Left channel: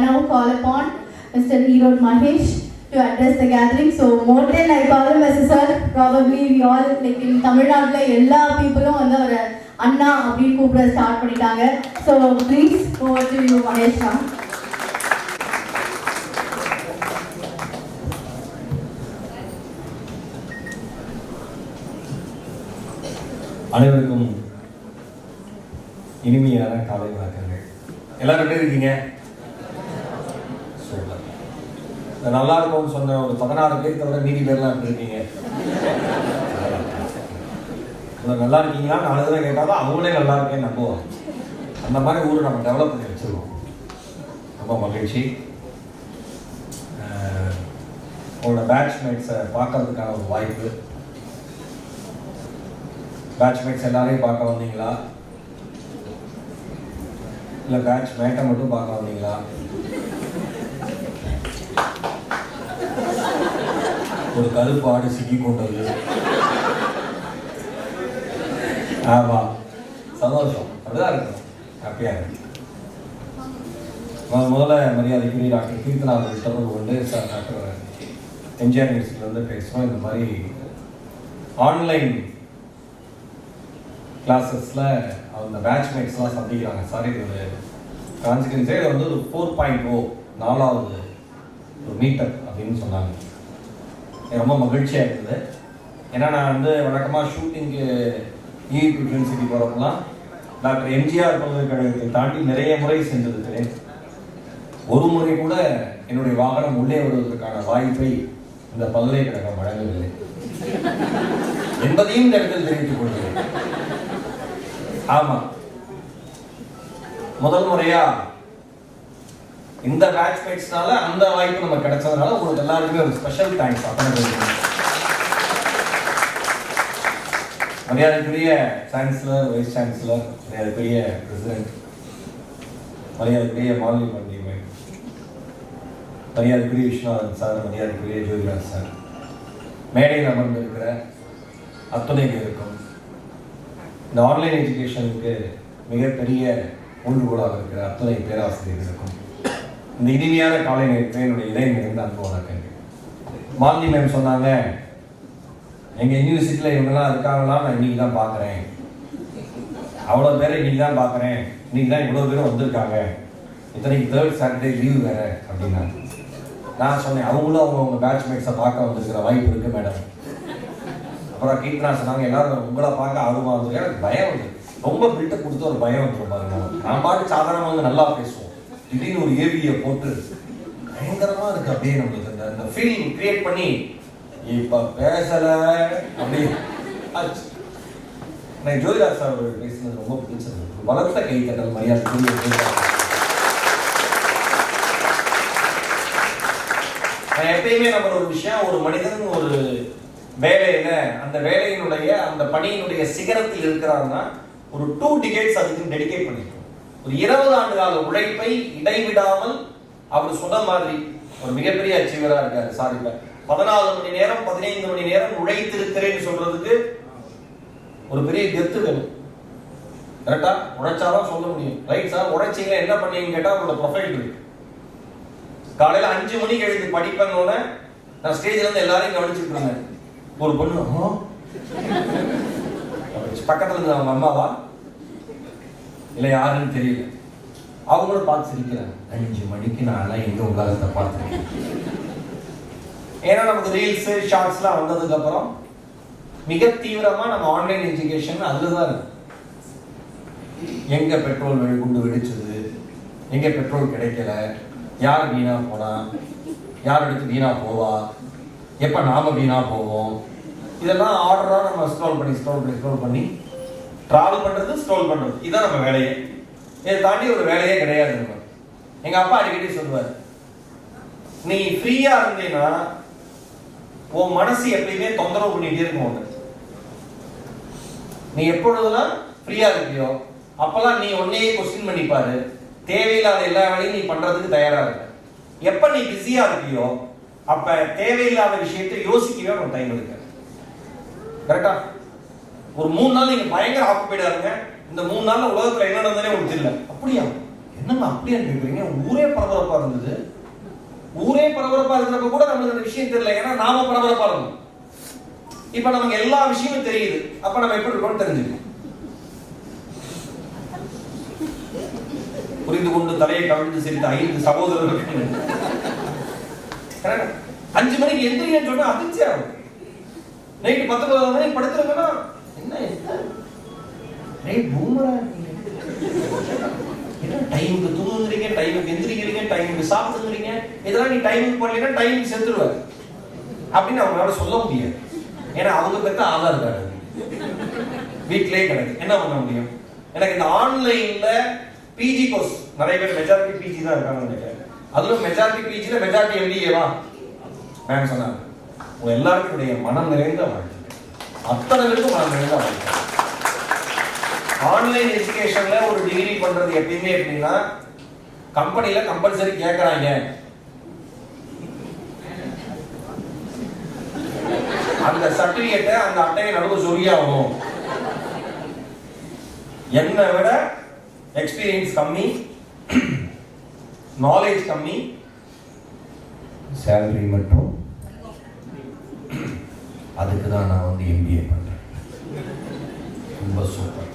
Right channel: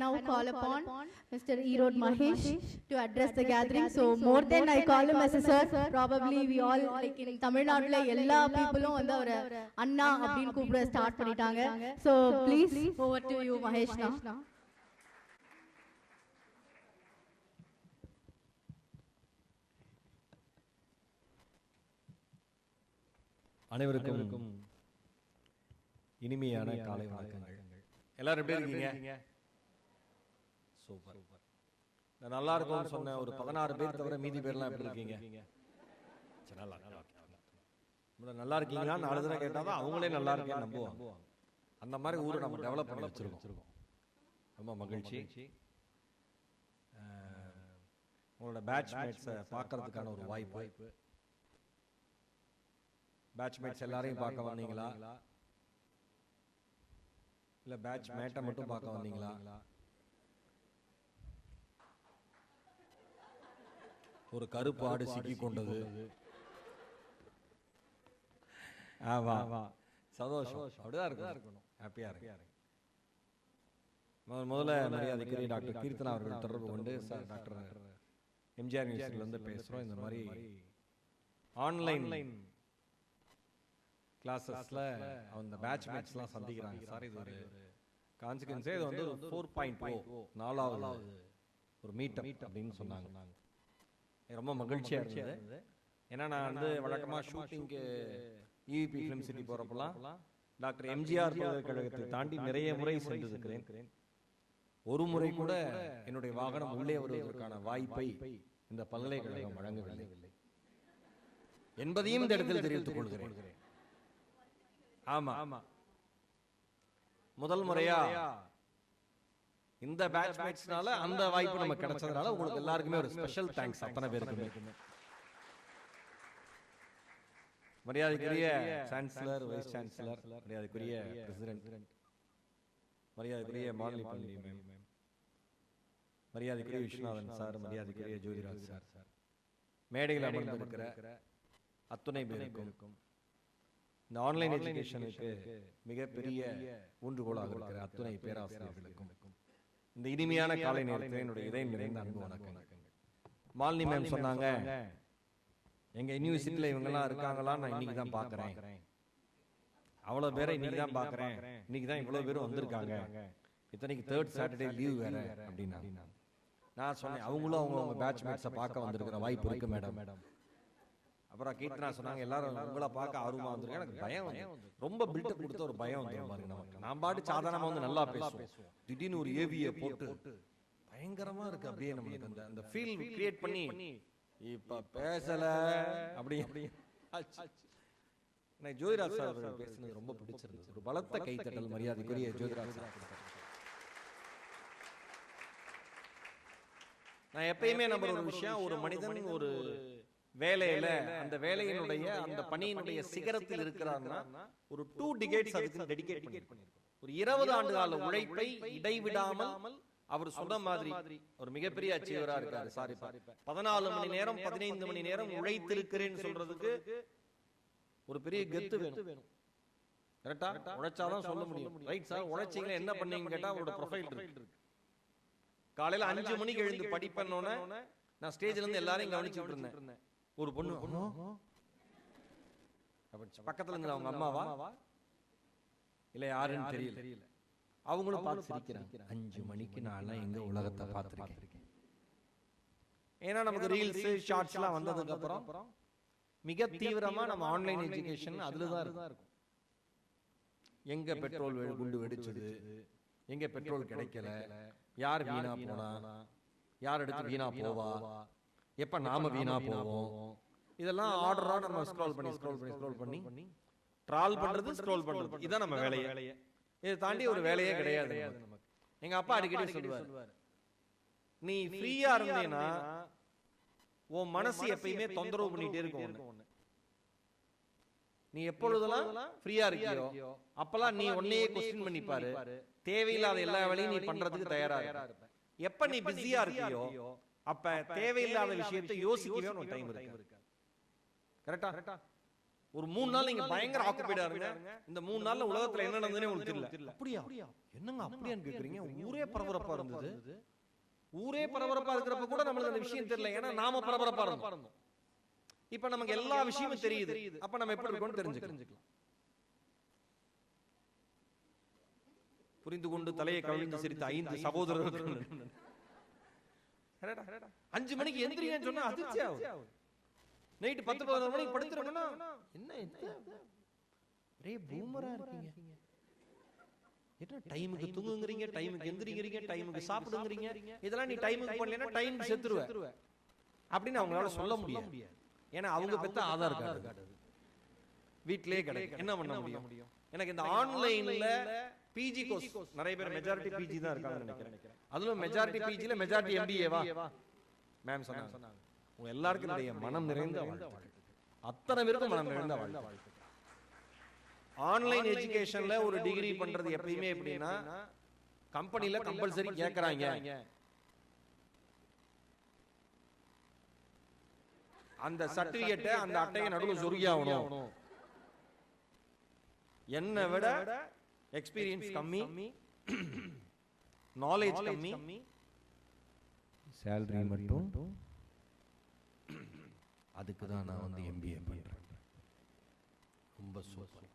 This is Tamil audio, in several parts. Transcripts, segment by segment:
now call upon Mr. Erod Mahesh to address the gathering. So more than I call him as a sir, probably we all like in Tamil Nadu எல்லா peopleம் வந்து அவர் அண்ணா அப்படின்னு கூப்பிட ஸ்டார்ட் பண்ணிட்டாங்க. So please over to you Mahesh. அனைவருக்கும் இனிமையான காலை வணக்கங்கள். எல்லாரும் எப்படி இருக்கீங்க? சூப்பர். நல்லா இருக்கும்னு சொன்ன ஒரு 16 பேர் தவிர மீதி பேர்லாம் எப்படி இருக்கீங்க? நல்லா இருக்கீங்களா? 4 தடவை கேட்டாலும் அவங்களே நல்லா இருக்கேன்னு நம்புவோம். அந்த மாதிரி ஊரை நம்ம டெவலப் பண்ணி வச்சிருக்கோம். ரொம்ப மகிழ்ச்சி. உங்களோட பேட்ச்மேட்ஸை பார்க்கறதுக்கான ஒரு வாய்ப்பு. பேட்ச்மேட்ஸ் எல்லாரையும் பார்க்க வந்தீங்களா? இல்லை பேட்ச்மேட்டை மட்டும் பார்க்க வந்தீங்களா? ஒரு கருப்பு ஆடு சிக்கி கொண்டது. ஆமாம், சந்தோஷம். அப்படிதான் இருக்கணும், ஹாப்பியாக இருக்கு. முதல்ல மரியாதைக்குரிய டாக்டர் கீர்த்தனா அவர்கள் தொடர்பு கொண்டு, சார் டாக்டர் எம்ஜிஆர் யூனிவர்சிட்டியிலேருந்து பேசுகிறோம். இந்த மாதிரி ஆன்லைன் கிளாஸஸில் அந்த பேட்ச்மேட்ஸ்லாம் சந்திக்கிறாங்க சார். இது ஒரு கான்சிக்வன்ஸே இது வந்து ஒரு 4.0 4வது ஒரு மீட்டப் அப்படின்னு சொன்னாங்க. ரொம்ப மகிழ்ச்சியாக இருந்தது. ஏன்னா நான் வந்து வழக்கமாக ஷூட்டிங்கு ஈவி யூனிவர்சிட்டி போகிறப்பெல்லாம் டாக்டர் எம்ஜிஆர் பல்கலைக்கழகத்தை தாண்டி நிறைய முறை சென்றிருக்கிறேன். ஒரு முறை கூட என்னுடைய வாகனம் உள்ளே வருவதற்கான வாய்ப்பை இந்த பல்கலைக்கழகம் வழங்கவில்லை என்பதையும் இந்த இடத்தில் தெரிவித்துக் கொள்கிறேன். ஆமா, முதல் முறையா இந்த பேட்ச்மேட்ஸ்னால அந்த வாய்ப்பு நமக்கு கிடைச்சதுனால உங்களுக்கு எல்லாருக்குமே ஒரு ஸ்பெஷல் தேங்க்ஸ். மரியாதைக்குரிய சான்சலர், வைஸ் சான்சலர், மரியாதைக்குரிய பிரசிடென்ட், மரியாதைக்குரிய மாலினி பண்டிகை, மரியாதைக்குரிய விஸ்வநாதன் சார், மரியாதைக்குரிய ஜோதிராஜ் சார், மேடையில் அமர்ந்திருக்கிற அத்துணை பேருக்கும், இந்த ஆன்லைன் எஜுகேஷனுக்கு மிகப்பெரிய ஊன்றுகோலாக இருக்கிற அத்துணை பேராசிரியர்களுக்கும் இந்த இனிமையான காலை நேரத்தில் என்னுடைய இதயம் நிறைந்த அன்பு வணக்கங்கள். மாலினி மேம் சொன்னாங்க, எங்கள் யூனிவர்சிட்டியில் இவங்கெல்லாம் இருக்காங்களா, நான் இன்னைக்கு தான் பார்க்குறேன், அவ்வளோ பேரை இன்னைக்கு தான் பார்க்குறேன், இன்னைக்கு தான் இவ்வளோ பேரும் வந்திருக்காங்க, இத்தனைக்கு 3rd சாட்டர்டே லீவ் வேறு அப்படின்னாங்க. நான் சொன்னேன், அவங்களும் அவங்க பேட்ச்மேட்ஸை பார்க்க வந்திருக்கிற வாய்ப்பு இருக்குது மேடம். அப்புறம் கீர்த்தனா சொன்னாங்க, எல்லாரும் உங்களை பார்க்க ஆர்வமாக வந்து எனக்கு பயம் வந்து ரொம்ப பில்டப் கொடுத்து ஒரு பயம் வந்துடும் பாருங்க. நான் பாட்டு சாதாரணமாக வந்து நல்லா பேசுவோம், திடீர்னு ஒரு ஏவியை போட்டு பயங்கரமாக இருக்கு அப்படியே நம்மளுக்கு அந்த ஃபீல் கிரியேட் பண்ணி இப்போ பேசலை அப்படி ஆச்சு. எனக்கு ஜோதிராஜ் சார் அவர்கள் பேசுனது ரொம்ப பிடிச்சது. வளர்த்த கைத்தட்டல் மரியாதை. எப்பயுமே நம்ம ஒரு விஷயம், ஒரு மனிதன் ஒரு வேலையில அந்த வேலையினுடைய அந்த பணியினுடைய சிகரத்தில் இருக்கிறாருன்னா ஒரு 2 decades அதுக்கு டெடிகேட் பண்ணிருக்கோம். ஒரு 20 ஆண்டு கால உழைப்பை இடைவிடாமல் அவர் சொன்ன மாதிரி ஒரு மிகப்பெரிய அச்சீவரா இருக்காரு சார். இப்ப 14 மணி நேரம் 15 மணி நேரம் உழைத்திருக்கிறேன்னு சொல்றதுக்கு ஒரு பெரிய கெத்து வேணும். கரெக்டா? உழைச்சாதான் சொல்ல முடியும். ரைட் சார், உழைச்சிங்க என்ன பண்ணீங்கன்னு கேட்டா அவரோட ப்ரொஃபைல் இருக்கு. காலையில 5 மணிக்கு எழுந்து படிப்பேன்னு நான் ஸ்டேஜ்ல இருந்து எல்லாரையும் கவனிச்சுட்டு இருந்தேன். ஒரு பொண்ணு பக்கத்துல இருந்து அவங்க அம்மாவா இல்ல யாருன்னு தெரியல, அவங்களும் பார்த்து சிரிக்கிறாங்க. 5 மணிக்கு நான் எங்க உலகத்தை பார்த்துருக்கேன். ஏன்னா நமக்கு ரீல்ஸ் ஷார்ட்ஸ்லாம் வந்ததுக்கு அப்புறம் மிக தீவிரமா நம்ம ஆன்லைன் எஜுகேஷன் அதுலதான் இருக்கு. எங்க பெட்ரோல் குண்டு வெடிச்சது, எங்க பெட்ரோல் கிடைக்கல, யார் வீணா போனா, யார் எடுத்து வீணா போவா, எப்ப நாம வீணா போவோம், இதெல்லாம் ஆர்டரா நம்ம ஸ்க்ரோல் பண்ணி டிராவல் பண்றது, ஸ்க்ரோல் பண்றது, இதுதான் நம்ம வேலையே. இதை தாண்டி ஒரு வேலையே கிடையாது. எங்க அப்பா அடிக்கடி சொல்லுவார், நீ ஃப்ரீயா இருந்தீங்கன்னா உன் மனசு எப்பயுமே தொந்தரவு பண்ணிட்டே இருக்கும். நீ எப்பொழுதெல்லாம் ஃப்ரீயா இருக்கியோ அப்பெல்லாம் நீ உன்னையே கொஸ்டின் பண்ணிப்பாரு. தேவையில்லாத எல்லா வேலையும் நீ பண்றதுக்கு தயாரா இருக்க. எப்ப நீ பிஸியா இருக்கியோ அப்ப தேவையில்லாத விஷயத்தை யோசிக்கவே ஒரு டைம் இருக்கு. கரெக்டா? ஒரு 3 நாள் நீங்க பயங்கர ஆக்குபைடா இருங்க. இந்த 3 நாள்ல உலகத்துல என்ன நடந்ததே உங்களுக்கு தெரியல. அப்படியா? என்ன என்னங்க அப்படியே கேட்குறீங்க? ஊரே பரபரப்பா இருந்தது. ஊரே பரபரப்பா இருக்கிறப்ப கூட நமக்கு அந்த விஷயம் தெரியல. ஏன்னா நாம பரபரப்பா இருந்தோம். இப்ப நமக்கு எல்லா விஷயமும் தெரியுது. அப்ப நம்ம எப்படி இருக்கோம்னு தெரிஞ்சுக்கணும். புரிந்து கொண்டு தலையை கவிழ்ந்து சிரித்த 5 சகோதரர்கள் 5 மணிக்கு எந்திரிங்கன்னு சொன்னா அதிர்ச்சி ஆகும். நைட்டு 10-11 மணிக்கு படுத்துருங்கன்னா என்ன பூமரா டைமுக்கு தூங்குறீங்க, டைமுக்கு எந்திரிக்கிறீங்க, டைமுக்கு சாப்பிடுறீங்க. இதெல்லாம் நீ டைமுக்கு பண்ணீங்கன்னா டைமுக்கு செத்துருவாரு அப்படின்னு அவங்களால சொல்ல முடியாது. ஏன்னா அவங்க பெற்ற ஆதார் கார்டு வீட்டிலே கிடையாது. என்ன பண்ண முடியும்? எனக்கு இந்த ஆன்லைன்ல பிஜி கோர்ஸ் நிறைய பேர் மெஜாரிட்டி பிஜி தான் இருக்காங்க நினைக்கிறேன். அதுல மெஜாரிட்டி பிஜில மெஜாரிட்டி எம்பிஏவா மேம் சொன்னாங்க. உங்க எல்லாருக்கும் மனம் நிறைந்த வாழ்க்கை, அத்தனை பேருக்கும் மனம் நிறைந்த வாழ்க்கை. ஆன்லைன் எஜுகேஷன்ல ஒரு டிகிரி பண்றது எப்பயுமே எப்படின்னா கம்பெனில கம்பல்சரி கேட்கறாங்க. அந்த சர்டிபிகேட்டை அந்த அட்டையை நடுவு சொரியாகணும். என்னை விட எக்ஸ்பீரியன்ஸ் கம்மி, நாலேஜ் கம்மி, சேலரி மட்டும். அதுக்கு தான் நான் வந்து எம்பிஏ பண்றேன். ரொம்ப சூப்பர்.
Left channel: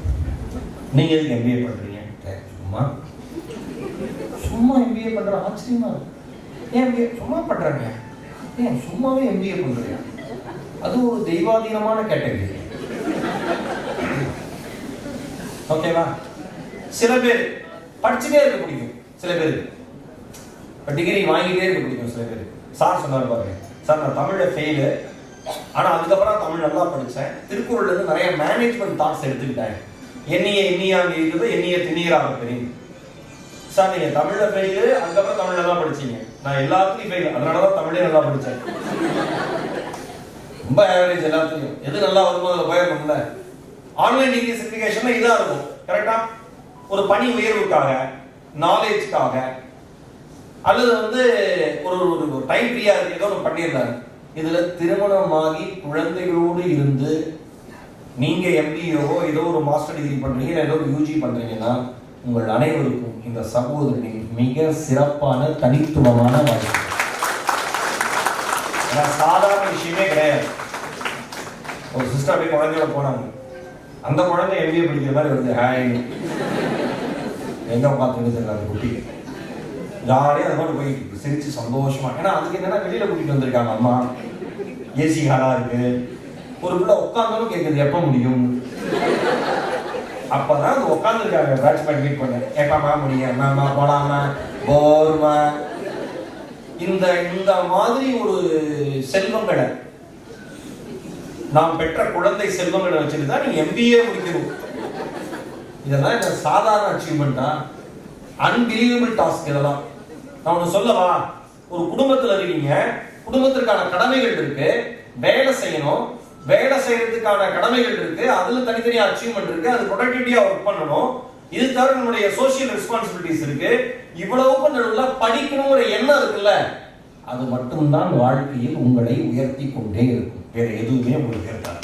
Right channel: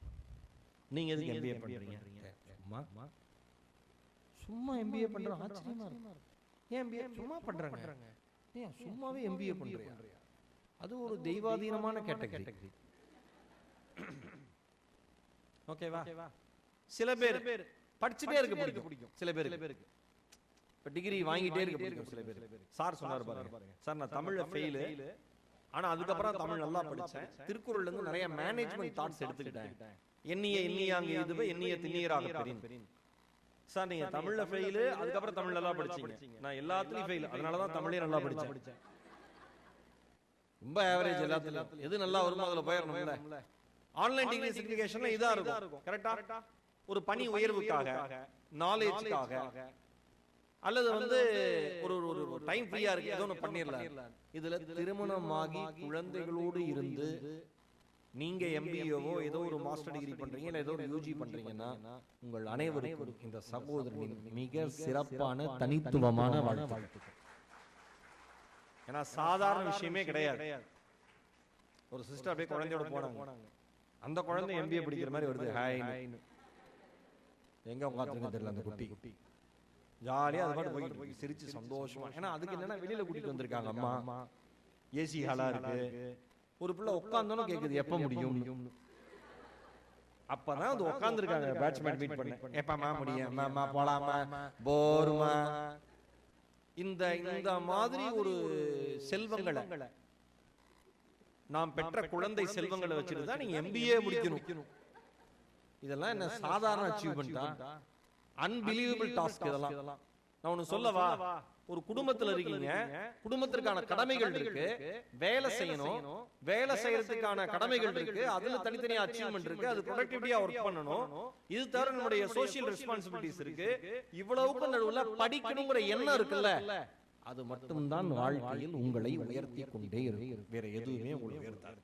நீங்க எதுக்கு எம்பிஏ பண்றீங்க? சும்மா எம்பிஏ பண்ற ஆச்சரியமா இருக்கு. ஏன் எம்பிஏ சும்மா பண்றாங்க? ஏன் சும்மாவே எம்பிஏ பண்றீங்க? அது ஒரு தெய்வாதீனமான கேட்டகரி. ஓகேவா? சில பேர் படிச்சுட்டே இருக்க பிடிக்கும், சில பேர் டிகிரி வாங்கிட்டே இருக்க பிடிக்கும். சில பேர் சார் சொன்னார் பாருங்க, சார் நான் தமிழ்ல ஃபெயிலு, ஆனா அதுக்கப்புறம் தமிழ் நல்லா படித்தேன். திருக்குறள்ல இருந்து நிறைய மேனேஜ்மெண்ட் தாட்ஸ் எடுத்துக்கிட்டேன். எண்ணியாக இருக்குது, எண்ணிய திணியராக தெரியும். சார் நீங்க தமிழ்ல ஃபெயிலு, அதுக்கப்புறம் தமிழ் நல்லா படிச்சீங்க. நான் எல்லாத்துலயும் ஃபெயில், அதனாலதான் தமிழே நல்லா படித்தேன். ரொம்ப ஆவரேஜ் எல்லாத்துலயும். எது நல்லா வருமோ அதில் போயிடணும்ல. ஆன்லைன் டிகிரி சர்டிஃபிகேஷன்ல இதாக இருக்கும். கரெக்டா? ஒரு பணி உயர்வுக்காக, நாலேஜ்க்காக, அல்லது வந்து ஒரு டைம் ஃப்ரீயா இருக்கு ஏதோ ஒன்று பண்ணியிருந்தாங்க. இதுல திருமணமாகி குழந்தைகளோடு இருந்து நீங்க எம்பிஏவோ ஏதோ ஒரு மாஸ்டர் டிகிரி பண்றீங்க, ஏதோ ஒரு யூஜி பண்றீங்கன்னா உங்கள் அனைவருக்கும் இந்த சகோதரனின் மிக சிறப்பான தனித்துவமான வாழ்க்கை. சாதாரண விஷயமே கிடையாது. ஒரு சிஸ்டர் அப்படியே குழந்தையோட போனாங்க. அந்த குழந்தை எம்பிஏ படிக்கிற மாதிரி வருது. ஹாய் எங்க பார்த்துட்டு தெரியல குட்டி ஜாலியாக அந்த மாதிரி போயிட்டு சிரிச்சு சந்தோஷமா. ஏன்னா அதுக்கு என்னன்னா வெளியில கூட்டிட்டு வந்திருக்காங்க. அம்மா ஏசி காரா இருக்கு, ஒரு பிள்ளை உட்காந்தாலும் கேட்குது எப்ப முடியும். அப்பதான் அது உட்காந்துருக்காங்க. பேட்ச்மேன் மீட் பண்ண எப்பமா முடியும், மேமா போலாமா, போர்மா. இந்த மாதிரி ஒரு செல்வங்களை நாம் பெற்ற குழந்தை செல்வங்களை வச்சுட்டு தான் நீங்க எம்பிஏ முடிக்கணும். இதெல்லாம் இந்த சாதாரண அச்சீவ்மெண்டா? Unbelievable task. இதெல்லாம் நான் ஒண்ணு சொல்லவா? ஒரு குடும்பத்துல இருக்கீங்க, குடும்பத்திற்கான கடமைகள் இருக்கு, வேலை செய்யணும், வேலை செய்யறதுக்கான கடமைகள் இருக்கு, அதுல தனித்தனியா அச்சீவ்மெண்ட் இருக்கு, அது ப்ரொடக்டிவிட்டியா ஒர்க் பண்ணணும். இது தவிர நம்மளுடைய சோசியல் ரெஸ்பான்சிபிலிட்டிஸ் இருக்கு. இவ்வளவு நடுவுல படிக்கணுங்கிற எண்ணம் இருக்குல்ல, அது மட்டும்தான் வாழ்க்கையில் உங்களை உயர்த்தி கொண்டே இருக்கும். வேற எதுவுமே உங்களுக்கு இருக்காது.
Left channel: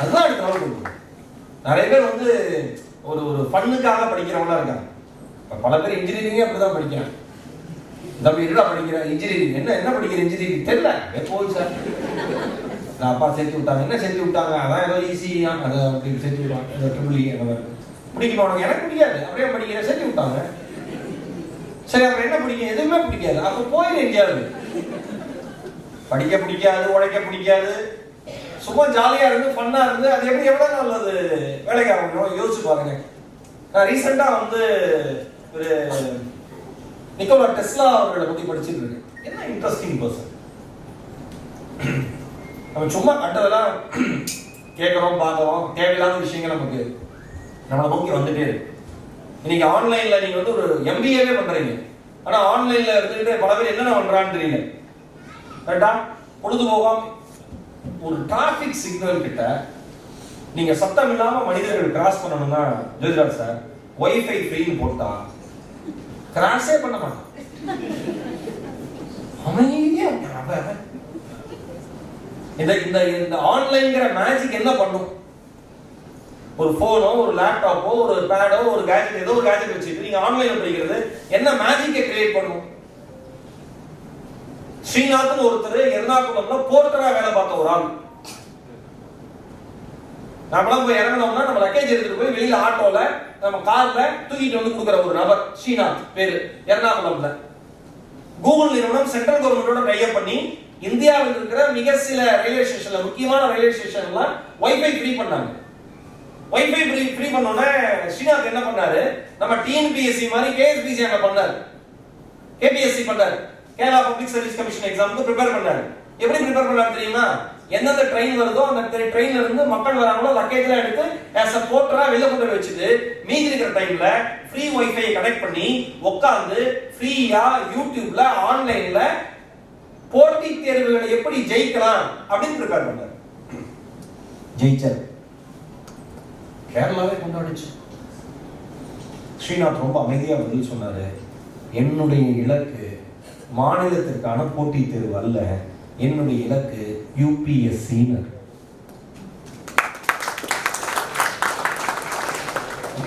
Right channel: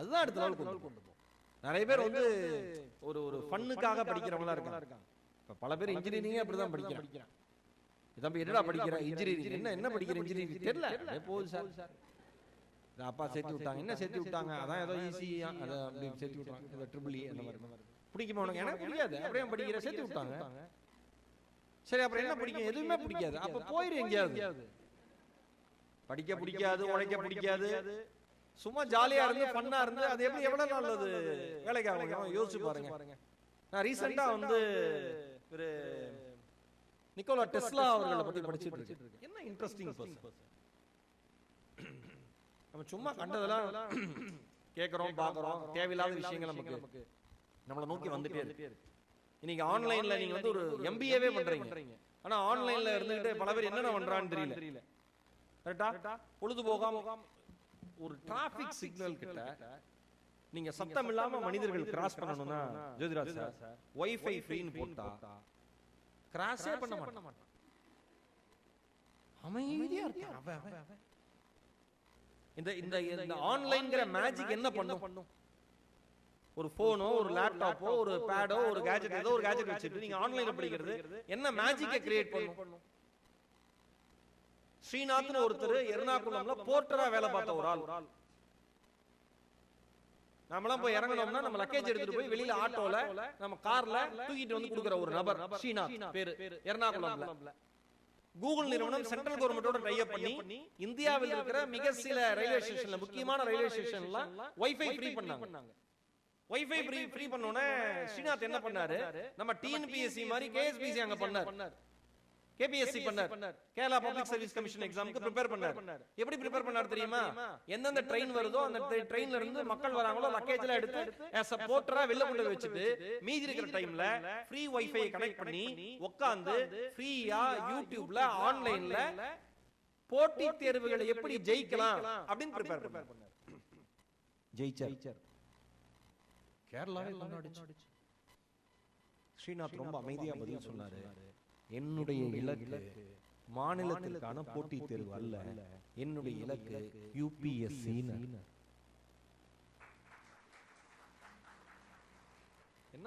அதுதான் அடுத்த நிறைய பேர் வந்து ஒரு ஃபன்னுக்காக படிக்கிறவங்களா இருக்காங்க. பல பேர் இன்ஜினியரிங்கே அப்படிதான் படிக்கிறாங்க. தம்பி என்னடா படிக்கிற? இன்ஜினியரிங். என்ன படிக்கிற இன்ஜினியரிங்? தெரியல, போய் சார் அப்பா சேர்த்து விட்டாங்க. என்ன சேர்த்து விட்டாங்க? அதான் ஏதோ ஈஸியா அதை அப்படி சேர்த்து விட்டாங்க. ட்ரிபிள் அந்த மாதிரி பிடிக்குமா உனக்கு? எனக்கு பிடிக்காது. அப்படியே படிக்கிற சேர்த்து விட்டாங்க. சரி அப்புறம் என்ன பிடிக்கும்? எதுவுமே பிடிக்காது. அப்போ போயிடு எங்கேயாவது. படிக்க பிடிக்காது, உழைக்க பிடிக்காது, சும்மா ஜாலியா இருந்து ஃபன்னா இருந்து அது எப்படி எவ்வளவு நல்லது வேலைக்கு ஆகணும் யோசிச்சு பாருங்க. நான் ரீசெண்டா வந்து ஒரு நிக்கோலா டெஸ்லா அவர்களை பத்தி படிச்சுட்டு இருக்கேன். என்ன இன்ட்ரெஸ்டிங் பர்சன். நம்ம சும்மா கட்டதெல்லாம் கேட்கறோம், பார்க்கறோம், தேவையில்லாத விஷயங்கள் நமக்கு நம்மளை நோக்கி வந்துட்டே இருக்கு. இன்னைக்கு ஆன்லைன்ல நீங்க வந்து ஒரு எம்பிஏவே பண்றீங்க, ஆனா ஆன்லைன்ல இருந்துட்டு பல பேர் என்ன பண்றான்னு தெரியல. கரெக்டா? பொழுதுபோகம் ஒரு டிராபிக் சிக்னல் கிட்ட நீங்க சத்தம் இல்லாம மனிதர்கள் கிராஸ் பண்ணணும்னா ஜெயராஜ் சார் வைஃபை ஃப்ரீன்னு போட்டா கிராஸே பண்ண மாட்டான். அமைதியா இந்த ஆன்லைன்ங்கிற மேஜிக் என்ன பண்ணும்? ஒரு போனோ, ஒரு லேப்டாப்போ, ஒரு பேடோ, ஒரு கேஜெட், ஏதோ ஒரு கேஜெட் வச்சுட்டு நீங்க ஆன்லைன்ல படிக்கிறது என்ன மேஜிக்கை கிரியேட் பண்ணும்? ஸ்ரீநாத்னு ஒருத்தர் எர்ணாகுளம்ல போர்ட்டரா வேலை பார்த்த ஒரு ஆள். நம்மளாம் போய் இறங்கணும்னா நம்ம லக்கேஜ் எடுத்துட்டு போய் வெளியில ஆட்டோல நம்ம கார்ல தூக்கிட்டு வந்து கொடுக்குற ஒரு நபர் ஸ்ரீநாத் பேரு, எர்ணாகுளம்ல. கூகுள் நிறுவனம் சென்ட்ரல் கவர்மெண்டோட டைப் பண்ணி இந்தியாவில் இருக்கிற மிக சில ரயில்வே ஸ்டேஷன்ல, முக்கியமான ரயில்வே ஸ்டேஷன்ல வைஃபை ஃப்ரீ பண்ணாங்க. வைஃபை ஃப்ரீ பண்ணோன்னே ஸ்ரீநாத் என்ன பண்ணாரு, நம்ம டிஎன்பிஎஸ்சி மாதிரி கேஎஸ்பிசி அங்க பண்ணாரு, கேபிஎஸ்சி பண்ணாரு, கேரளா பப்ளிக் சர்வீஸ் கமிஷன் எக்ஸாமுக்கு ப்ரிப்பேர் பண்ணாரு. எப்படி ப்ரிப்பேர் பண்ணாரு தெரியுமா? எந்தெந்த ட்ரெயின் வருதோ அந்த ட்ரெயின்ல இருந்து மக்கள் வராங்களோ லக்கேஜ்லாம் எடுத்து ஆஸ் அ போர்ட்டரா வெளில கொண்டு வச்சுட்டு மீதி இருக்கிற டைம்ல ஃப்ரீ வைஃபை கனெக்ட் பண்ணி உட்கார்ந்து ஃப்ரீயா யூடியூப்ல ஆன்லைன்ல போட்டி தேர்வுகளை எப்படி ஜெயிக்கலாம் அப்படின்னு ப்ரிப்பேர் பண்ணாரு. ஜெயிச்சார். கேரளாவே கொண்டாடிச்சு. ஸ்ரீநாத் ரொம்ப அமைதியா பதில் சொன்னாரு, என்னுடைய இலக்கு மாநிலத்திற்கான போட்டி தேர்வு அல்ல, என்னுடைய இலக்கு யூபிஎஸ்சி.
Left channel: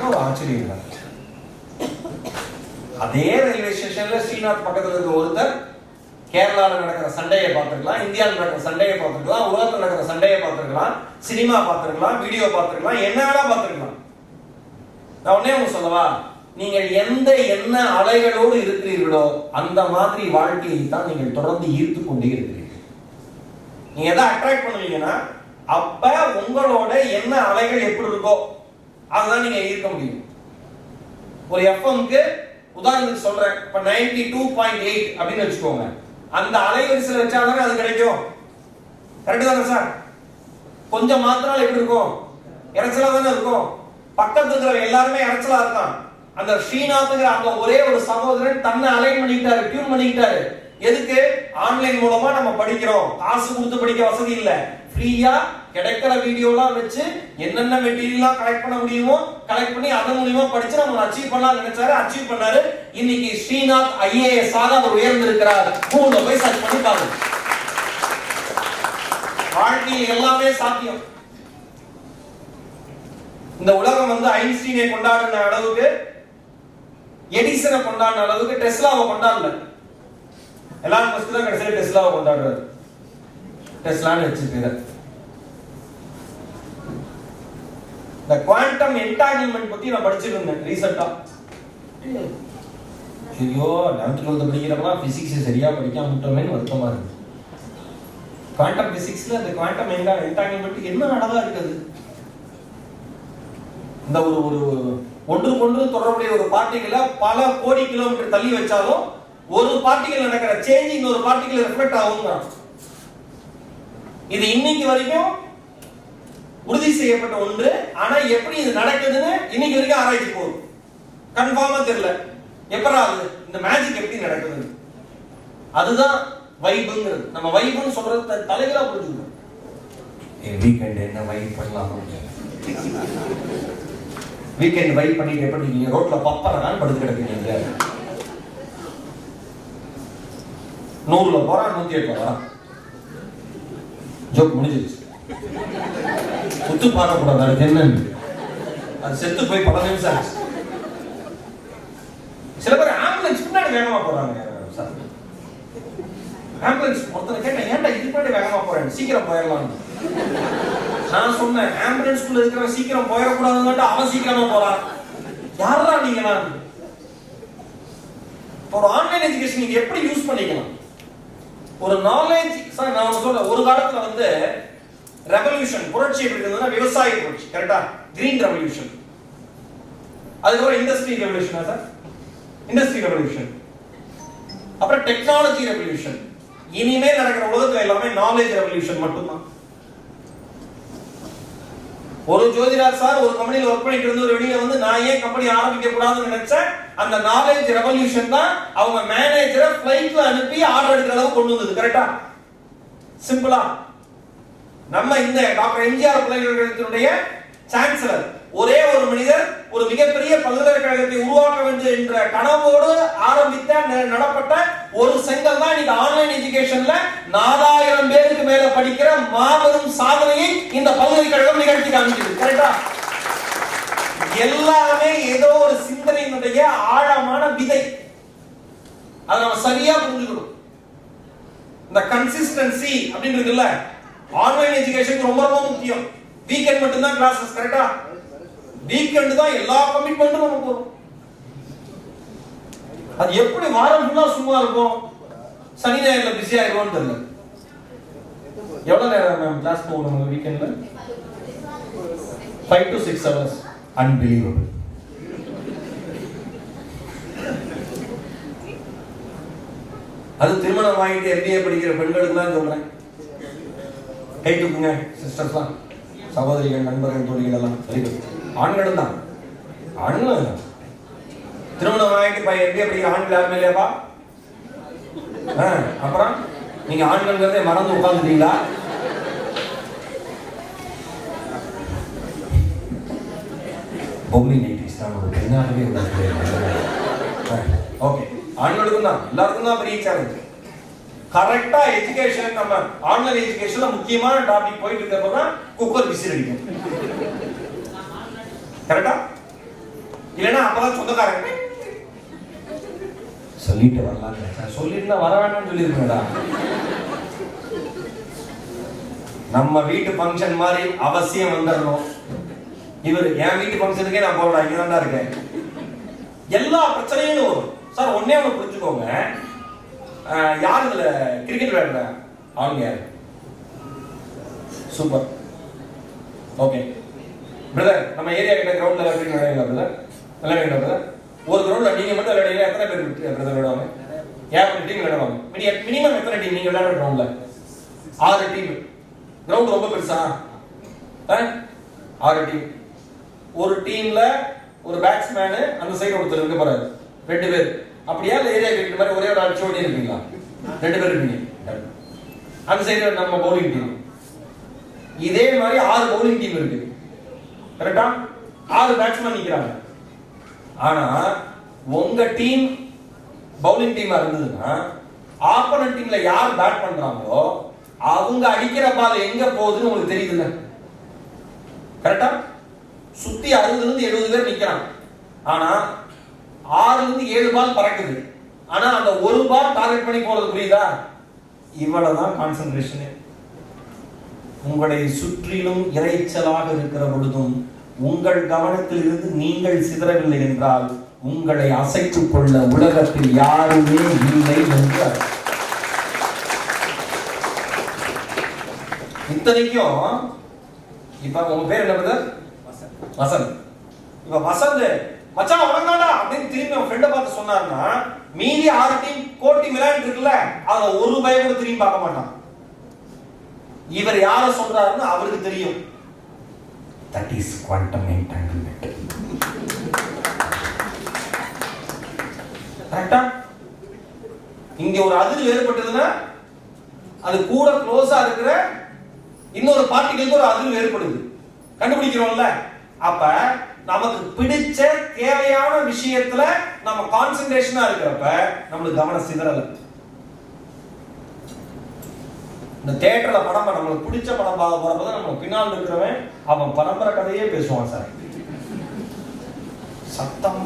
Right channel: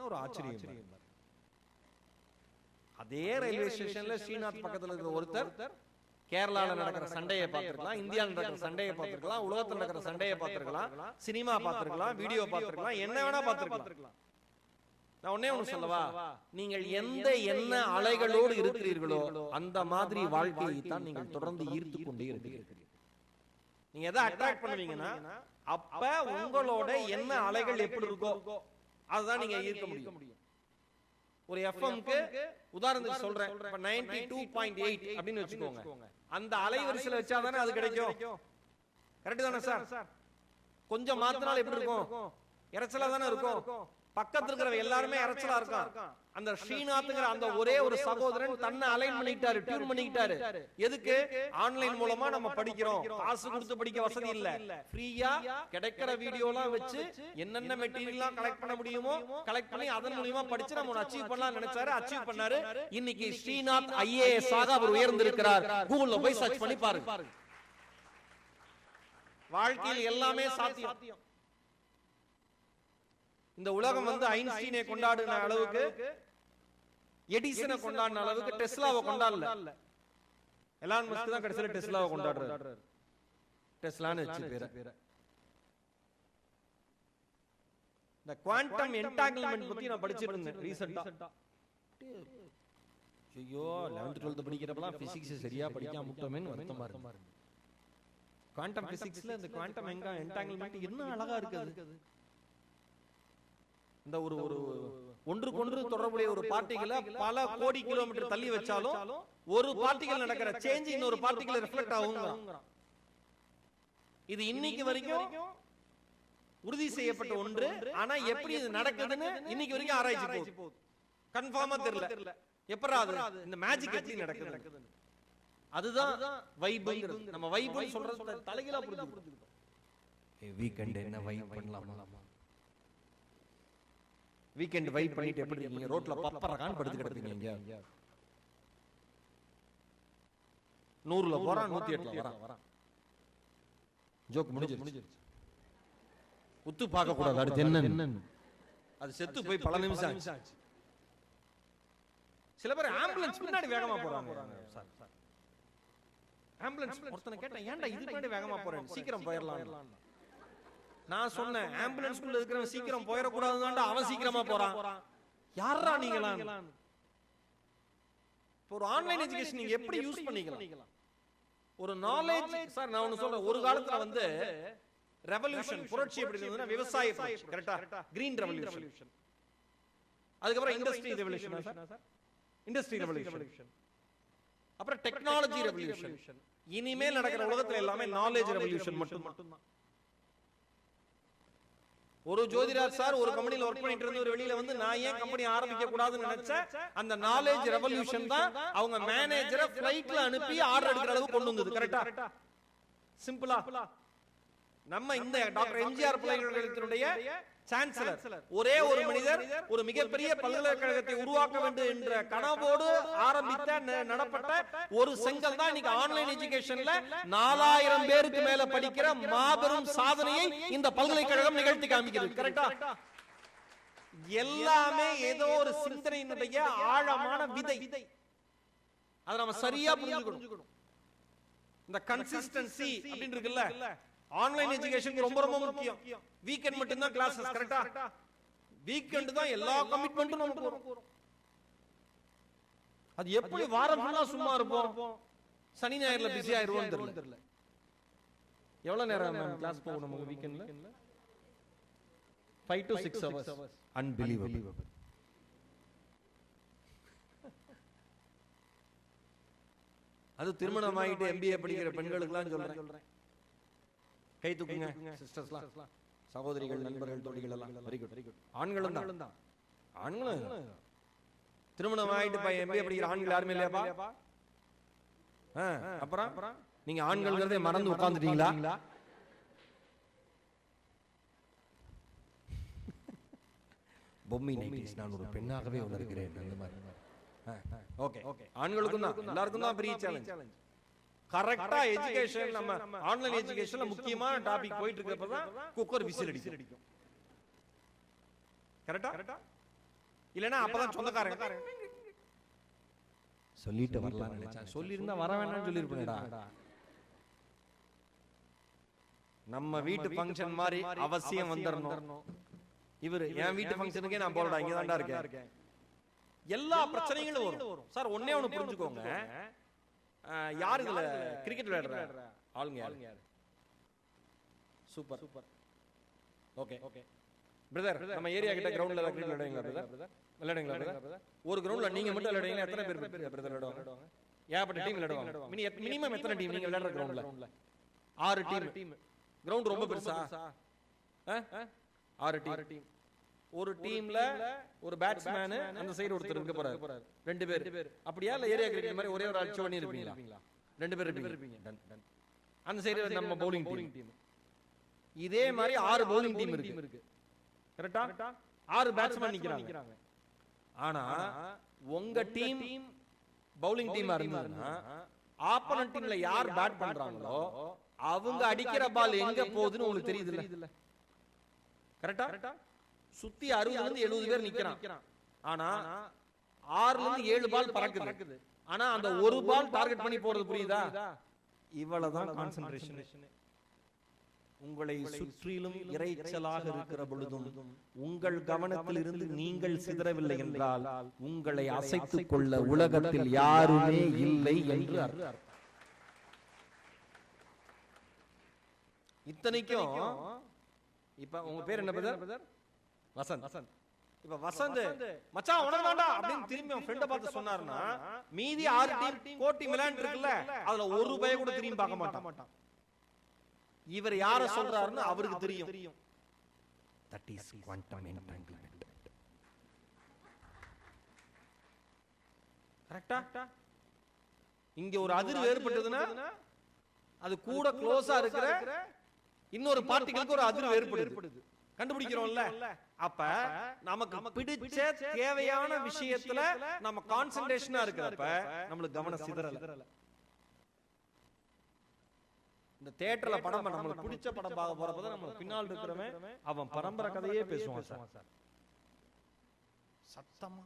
ஒரு ஆச்சரியம் இல்லை? அதே ரயில்வே ஸ்டேஷன்ல ஸ்ரீநாத் பக்கத்துல இருக்க ஒருத்தர் கேரளாவில் நடக்கிற சண்டையை பார்த்துருக்கலாம், இந்தியாவில் நடக்கிற சண்டையை பார்த்துருக்கலாம், உலகத்தில் நடக்கிற சண்டையை பார்த்துருக்கலாம், சினிமா பார்த்துருக்கலாம், வீடியோ பார்த்துருக்கலாம், என்ன வேணா பார்த்துருக்கலாம். நான் ஒன்னே ஒன்று சொல்லவா, நீங்கள் எந்த என்ன அலைகளோடு இருக்கிறீர்களோ அந்த மாதிரி வாழ்க்கையை தான் நீங்கள் தொடர்ந்து ஈர்த்து கொண்டே இருக்கிறீர்கள். நீங்க எதை அட்ராக்ட் பண்ணுவீங்கன்னா அப்ப உங்களோட என்ன அலைகள் எப்படி இருக்கோ அதுதான் நீங்க ஈர்க்க முடியும். ஒரு எஃப்எம்க்கு உதாரணத்துக்கு சொல்றேன், இப்ப 92.8 அப்படின்னு வச்சுக்கோங்க, அந்த அலைவரிசையில் வச்சாதானே அது கிடைக்கும். கரெக்ட் தானே சார்? கொஞ்சம் மாத்திரம் எப்படி இருக்கும்? இறைச்சலா தானே இருக்கும். பக்கத்துல இருக்கிற எல்லாருமே இறைச்சலா இருக்கான். அந்த ஸ்ரீநாத்ங்கிற அந்த ஒரே ஒரு சகோதரன் தன்னை அலைன் பண்ணிக்கிட்டாரு, டியூன் பண்ணிக்கிட்டாரு. எதுக்கு? ஆன்லைன் மூலமா நம்ம படிக்கிறோம், காசு கொடுத்து படிக்க வசதி இல்ல, ஃப்ரீயா கிடைக்கிற வீடியோலாம் வச்சு என்னென்ன மெட்டீரியல்லாம் கலெக்ட் பண்ண முடியுமோ கலெக்ட் பண்ணி அதன் மூலமா படிச்சு நம்ம அச்சீவ் பண்ணலாம் நினைச்சாரு, அச்சீவ் பண்ணாரு. இன்னைக்கு ஸ்ரீநாத் ஐஏஎஸ் ஆக அவர் உயர்ந்திருக்கிறார். கூகுள்ல போய் சர்ச் பண்ணி பாருங்க. வாழ்க்கையில் எல்லாமே சாத்தியம். இந்த உலகம் வந்து ஐன்ஸ்டீனை கொண்டாடின அளவுக்கு, எடிசனை கொண்டாடின அளவுக்கு டெஸ்லாவை கொண்டாடல. எல்லாரும் ஃபர்ஸ்ட் தான் கடைசியில் டெஸ்லாவை கொண்டாடுறாரு. டெஸ்லான்னு வச்சிருக்காரு. இந்த குவாண்டம் என்டாங்கிள்மென்ட் பத்தி நான் படிச்சிட்டு இருந்தேன் ரீசெண்டா. ஐயோ 11th 12th படிக்கிறப்பலாம் பிசிக்ஸ் சரியா படிக்காம விட்டோமேன்னு வருத்தமா இருக்கு. குவாண்டம் பிசிக்ஸ்ல இந்த குவாண்டம் என்டாங்கிள்மென்ட் என்ன அழகா இருக்குது. இந்த ஒரு ஒன்றுக்கொன்று தொடர்புடைய ஒரு பார்ட்டிகளை பல கோடி கிலோமீட்டர் தள்ளி வச்சாலும் ஒரு பார்ட்டிகள் நடக்கிற சேஞ்ச் இன்னொரு பார்ட்டிகள் ரிஃப்ளெக்ட் ஆகுங்க. இது இன்னைக்கு வரைக்கும் உறுதி செய்யப்பட்ட ஒன்று. ஆனா எப்படி இது நடக்குதுன்னு இன்னைக்கு வரைக்கும் ஆராய்ச்சி போகுது. கன்ஃபார்மா தெரியல எப்பரா அது இந்த மேஜிக் எப்படி நடக்குது. அதுதான் வைப்ங்கிறது. நம்ம வைப்னு சொல்றது தலைகளா புரிஞ்சுக்கணும். வீக்கெண்ட் என்ன வைப் பண்ணலாம், வீக்கெண்ட் வைப் பண்ணிட்டு எப்படி நீங்க ரோட்ல பப்பறனால படுத்து கிடப்பீங்க. 100ல போறா 108 போறா ஜோக் முடிஞ்சிருச்சு. சுத்து பாடக்கூடாது, அது என்ன அது செத்து போய் 10 நிமிஷம் ஆச்சு. சில பேர் ஆம்புலன்ஸ் பின்னாடி வேகமா போறாங்க சார். ஆம்புலன்ஸ் ஒருத்தனை கேட்டேன், ஏன்டா இது பின்னாடி வேகமா போறேன், சீக்கிரம் போயிடலாம். நான் சொன்னேன், ஆம்புலன்ஸ்குள்ள இருக்கிற சீக்கிரம் போயிடக்கூடாதுன்னு அவன் சீக்கிரமா போறான். யாரா நீங்க? நான் ஒரு ஆன்லைன் எஜுகேஷன் நீங்க எப்படி யூஸ் பண்ணிக்கலாம்? ஒரு நாலேஜ் சார் நான் சொல்ல, ஒரு காலத்துல வந்து ரெவல்யூஷன் புரட்சி எப்படி இருந்ததுன்னா விவசாய புரட்சி, கரெக்டா? Green revolution. அதுக்கப்புறம் இண்டஸ்ட்ரி ரெவல்யூஷனா சார்? Industry revolution. அப்புறம் டெக்னாலஜி ரெவல்யூஷன். இனிமே நடக்கிற உலகத்துல எல்லாமே நாலேஜ் ரெவல்யூஷன் மட்டும்தான். ஒரு ஜோதிராஜ் சார் ஒரு கம்பெனில ஒர்க் பண்ணிட்டு இருந்து ஒரு வெளியில வந்து நான் ஏன் கம்பெனி ஆரம்பிக்க கூடாதுன்னு நினைச்சேன். அந்த நாலேஜ் ரெவல்யூஷன் தான் அவங்க மேனேஜரை ஃளைட்ல அனுப்பி ஆர்டர் எடுக்கிற அளவுக்கு கொண்டு வந்தது. கரெக்டா? சிம்பிளா நம்ம இந்த டாக்டர் எம்ஜிஆர் பல்கலைக்கழகத்தினுடைய சான்சலர் ஒரே ஒரு மனிதர் ஒரு மிகப்பெரிய பல்கலைக்கழகத்தை உருவாக்க வேண்டும் என்ற கனவோடு ஆரம்பித்த நடப்பட்ட ஒரு செங்கல் தான் இன்னைக்கு ஆன்லைன் எஜுகேஷன்ல 4000 பேருக்கு மேல படிக்கிற மாபெரும் சாதனையை இந்த பல்கலைக்கழகம் நிகழ்த்தி காமிக்குது. கரெக்டா? எல்லாமே ஏதோ ஒரு சிந்தனையினுடைய ஆழமான விதை. அதை நம்ம சரியா புரிஞ்சுக்கணும். இந்த கன்சிஸ்டன்சி அப்படின்றதுல ஆன்லைன் எஜுகேஷன் ரொம்ப ரொம்ப முக்கியம். வீக்கெண்ட் மட்டும் தான் கிளாसेस, கரெக்ட்டா? வீக்கெண்ட் தான் எல்லா கமிட்மெண்ட்டும் நமக்கு வரும். அது எப்படி வாரம் ஃபுல்லா சும்மா இருக்கும், சனி ஞாயிறுல பிஸியா இருக்கும்னு தெரியல. எவ்வளவு நேரம் மேம் கிளாஸ் போகணும் வீக்கெண்ட்ல? 5 to 6 hours. Unbelievable. அது திருமணம் ஆகிட்டு MBA படிக்கிற பெண்களுக்கு தான் சொல்றேன். கை தூக்குங்க சிஸ்டர்ஸ்லாம், சகோதரிகள், நண்பர்கள், தோழிகள் எல்லாம். Very good. ஆண்களும் தான், ஆண்களும் தான். திருமணம் ஆகிட்டு MBA படிக்கிற ஆண்கள் யாருமே இல்லையாப்பா? அப்புறம் நீங்க ஆண்கள் மறந்து உட்கார்ந்துட்டீங்களா? பொம்மி நைட்டிஸ் தான் ஒரு பெண்ணாகவே உள்ளது. ஓகே, ஆண்களுக்கும் தான், எல்லாருக்கும் தான் பெரிய சேலஞ்ச். கரெக்டா எஜுகேஷன், நம்ம ஆன்லைன் எஜுகேஷன்ல முக்கியமான டாபிக் போயிட்டு இருக்கிறப்ப தான் குக்கர் விசில் அடிக்கும். கரெக்டா? இல்லைன்னா அப்பதான் சொந்தக்காரங்க சொல்லிட்டு வரலாம், சொல்லிட்டு வர வேண்டாம்னு சொல்லியிருக்கா. நம்ம வீட்டு ஃபங்க்ஷன் மாதிரி அவசியம் வந்துடணும். இவர் என் வீட்டு ஃபங்க்ஷனுக்கே நான் போறேன், இங்க தான் இருக்கேன். எல்லா பிரச்சனையும் வரும் சார். ஒன்னே ஒன்று புரிஞ்சுக்கோங்க, யார் இதுல கிரிக்கெட் விளையாடுற ஆளுங்க யாரு? சூப்பர். ஓகே பிரதர், நம்ம ஏரியா கிட்ட கிரவுண்ட்ல விளையாடுறீங்களா பிரதர்? விளையாடுறீங்களா பிரதர்? ஒரு கிரவுண்ட்ல நீங்க மட்டும் விளையாடுறீங்க, எத்தனை பேர் பிரதர் விளையாடுவாங்க? 50 டீம் விளையாடுவாங்க. மினிமம் எத்தனை டீம் நீங்க விளையாடுற கிரவுண்ட்ல? 6 டீம். கிரவுண்ட் ரொம்ப பெருசா? 6 டீம். ஒரு டீம்ல ஒரு பேட்ஸ்மேன் அந்த சைடு ஒருத்தர் இருக்க போறாரு, 2 பேர். அப்படியே ஏரியா கிரிக்கெட் மாதிரி ஒரே ஒரு அடிச்சு ஓடி இருப்பீங்களா? 2 பேர் இருப்பீங்க. அந்த சைடு நம்ம பவுலிங் டீம். இதே மாதிரி 6 பவுலிங் டீம் இருக்கு, கரெக்டா? 6 பேட்ஸ்மேன் நிக்கிறாங்க. ஆனா உங்க டீம் பவுலிங் டீமா இருந்ததுன்னா ஆப்போனன்ட் டீம்ல யார் பேட் பண்றாங்களோ அவங்க அடிக்கிற பால் எங்க போகுதுன்னு உங்களுக்கு தெரியுதுல்ல, கரெக்டா? சுத்தி 60 இருந்து 70 பேர் நிக்கிறாங்க. ஆனா 6 இருந்து 7 பால் பறக்குது. ஆனா அந்த ஒரு பால் டார்கெட் பண்ணி போறது புரியுதா? இவ்வளவுதான் கான்சென்ட்ரேஷன். உங்களை சுற்றிலும் இறைச்சலாக இருக்கிற பொழுதும் உங்கள் கவனத்தில் இருந்து நீங்கள் சிதறவில்லை என்றால் உங்களை அசைத்துக் கொள்ள உலகத்தில் யாருமே இல்லை என்றார். இத்தனைக்கும் இப்ப உங்க பேர் என்ன பிரதர்? வசந்த். இப்ப வசந்த் மச்சான் வணங்கடா அப்படின்னு திரும்பி அவன் ஃப்ரெண்ட பார்த்து சொன்னாருன்னா மீதி 6 டீம் கோட்டி விளையாண்டு இருக்குல்ல, அத ஒரு பய கூட திரும்பி பார்க்க மாட்டான். இவர் யார சொல்றாருன்னு அவருக்கு தெரியும். That is quantum entanglement. கரெக்ட்டா? இங்க ஒரு அதிர்வு ஏற்பட்டதுன்னா அது கூட க்ளோஸா இருக்கிற இன்னொரு பார்ட்டிகளுக்கு ஒரு அதிர்வு ஏற்படுது, கண்டுபிடிக்கிறோம்ல. அப்ப நமக்கு பிடிச்ச தேவையான விஷயத்துல நம்ம கான்சென்ட்ரேஷனா இருக்கிறப்ப நம்மளுக்கு கவனம் சிதறல. இந்த தியேட்டர்ல படம் நம்மளுக்கு பிடிச்ச படம் பார்க்க போறப்பதான் நம்ம பின்னால் இருக்கிறவன் அவன் பரம்பரை கதையே பேசுவான் சார். சத்தம்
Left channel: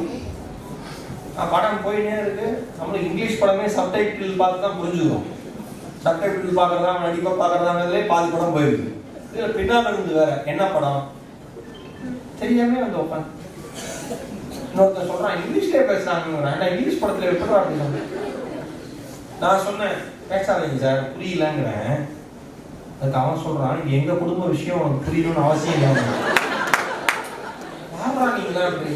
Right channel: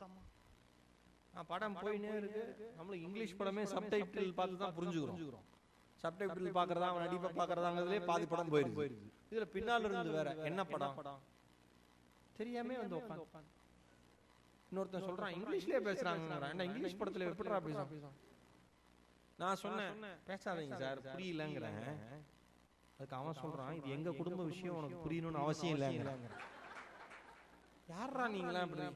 படம் போயினே இருக்கு, நம்மளுக்கு இங்கிலீஷ் படமே சப்டைட்டில் பார்த்து தான் புரிஞ்சுக்கிறோம். சப்டைட்டில் பார்க்கறதா நடிப்பை பார்க்கறதாங்கிறதுலே பாதி படம் போயிருக்கு. இதுல பின்னால் இருந்து வேற என்ன படம் தெரியாம வந்து உட்காந்து இன்னொருத்தர் சொல்றான் இங்கிலீஷ்லயே பேசுறாங்க, இங்கிலீஷ் படத்துல எப்படி அப்படி நான் சொன்னேன் பேசாதீங்க சார் புரியலங்கிறேன். அதுக்கு அவன் சொல்றான் எங்க குடும்ப விஷயம் உனக்கு புரியணும்னு அவசியம் இல்லை. நீங்களா அப்படி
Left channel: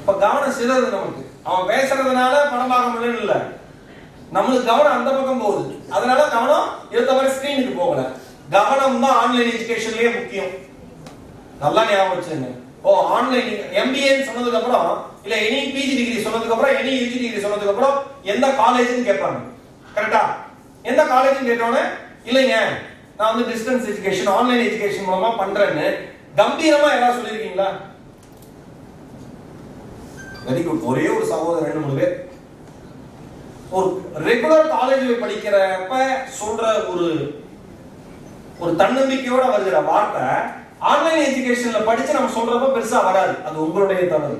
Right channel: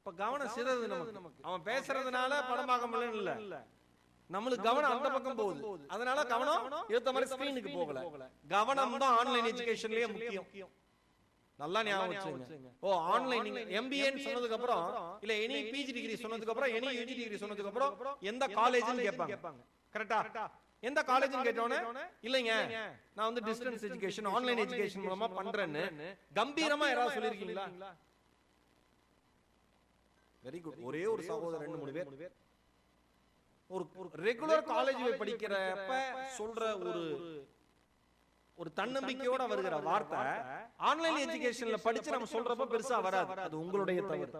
இப்ப கவனம் சிதறது நமக்கு. அவன் பேசுறதுனால படம் பார்க்க முடியும் இல்ல, நம்மளுக்கு கவனம் அந்த பக்கம் போகுது. அதனால கவனம் எடுத்த மாதிரி ஸ்கிரீனுக்கு போகல. கவனம் தான் ஆன்லைன் எஜுகேஷன்லயே முக்கியம். நல்லா ஞாபகம் வச்சுங்க. ஆன்லைன் MBA சொன்னதுக்கு அப்புறம் இல்ல எனி PG டிகிரி சொன்னதுக்கு அப்புறம் எனி UG டிகிரி சொன்னதுக்கு அப்புறம் எந்த காலேஜ்னு கேட்பாங்க, கரெக்ட்டா? எந்த காலேஜ்னு கேட்டோனே இல்லைங்க நான் வந்து டிஸ்டன்ஸ் எஜுகேஷன் ஆன்லைன் எஜுகேஷன் மூலமா பண்றேன்னு கம்பீரமா யாராவது சொல்லிருக்கீங்களா? Very good. ஒரே ஒரு சகோதரர் 2-3 பேர் ஒரு ரெகுலர் காலேஜில் படிக்கிறப்ப சொல்ற ஒரு தன்னம்பிக்கையோட வருகிற வார்த்தை ஆன்லைன் எஜுகேஷன்ல படிச்சு நம்ம சொல்றப்ப பெருசா வராது, அது உங்களுடைய தவறு.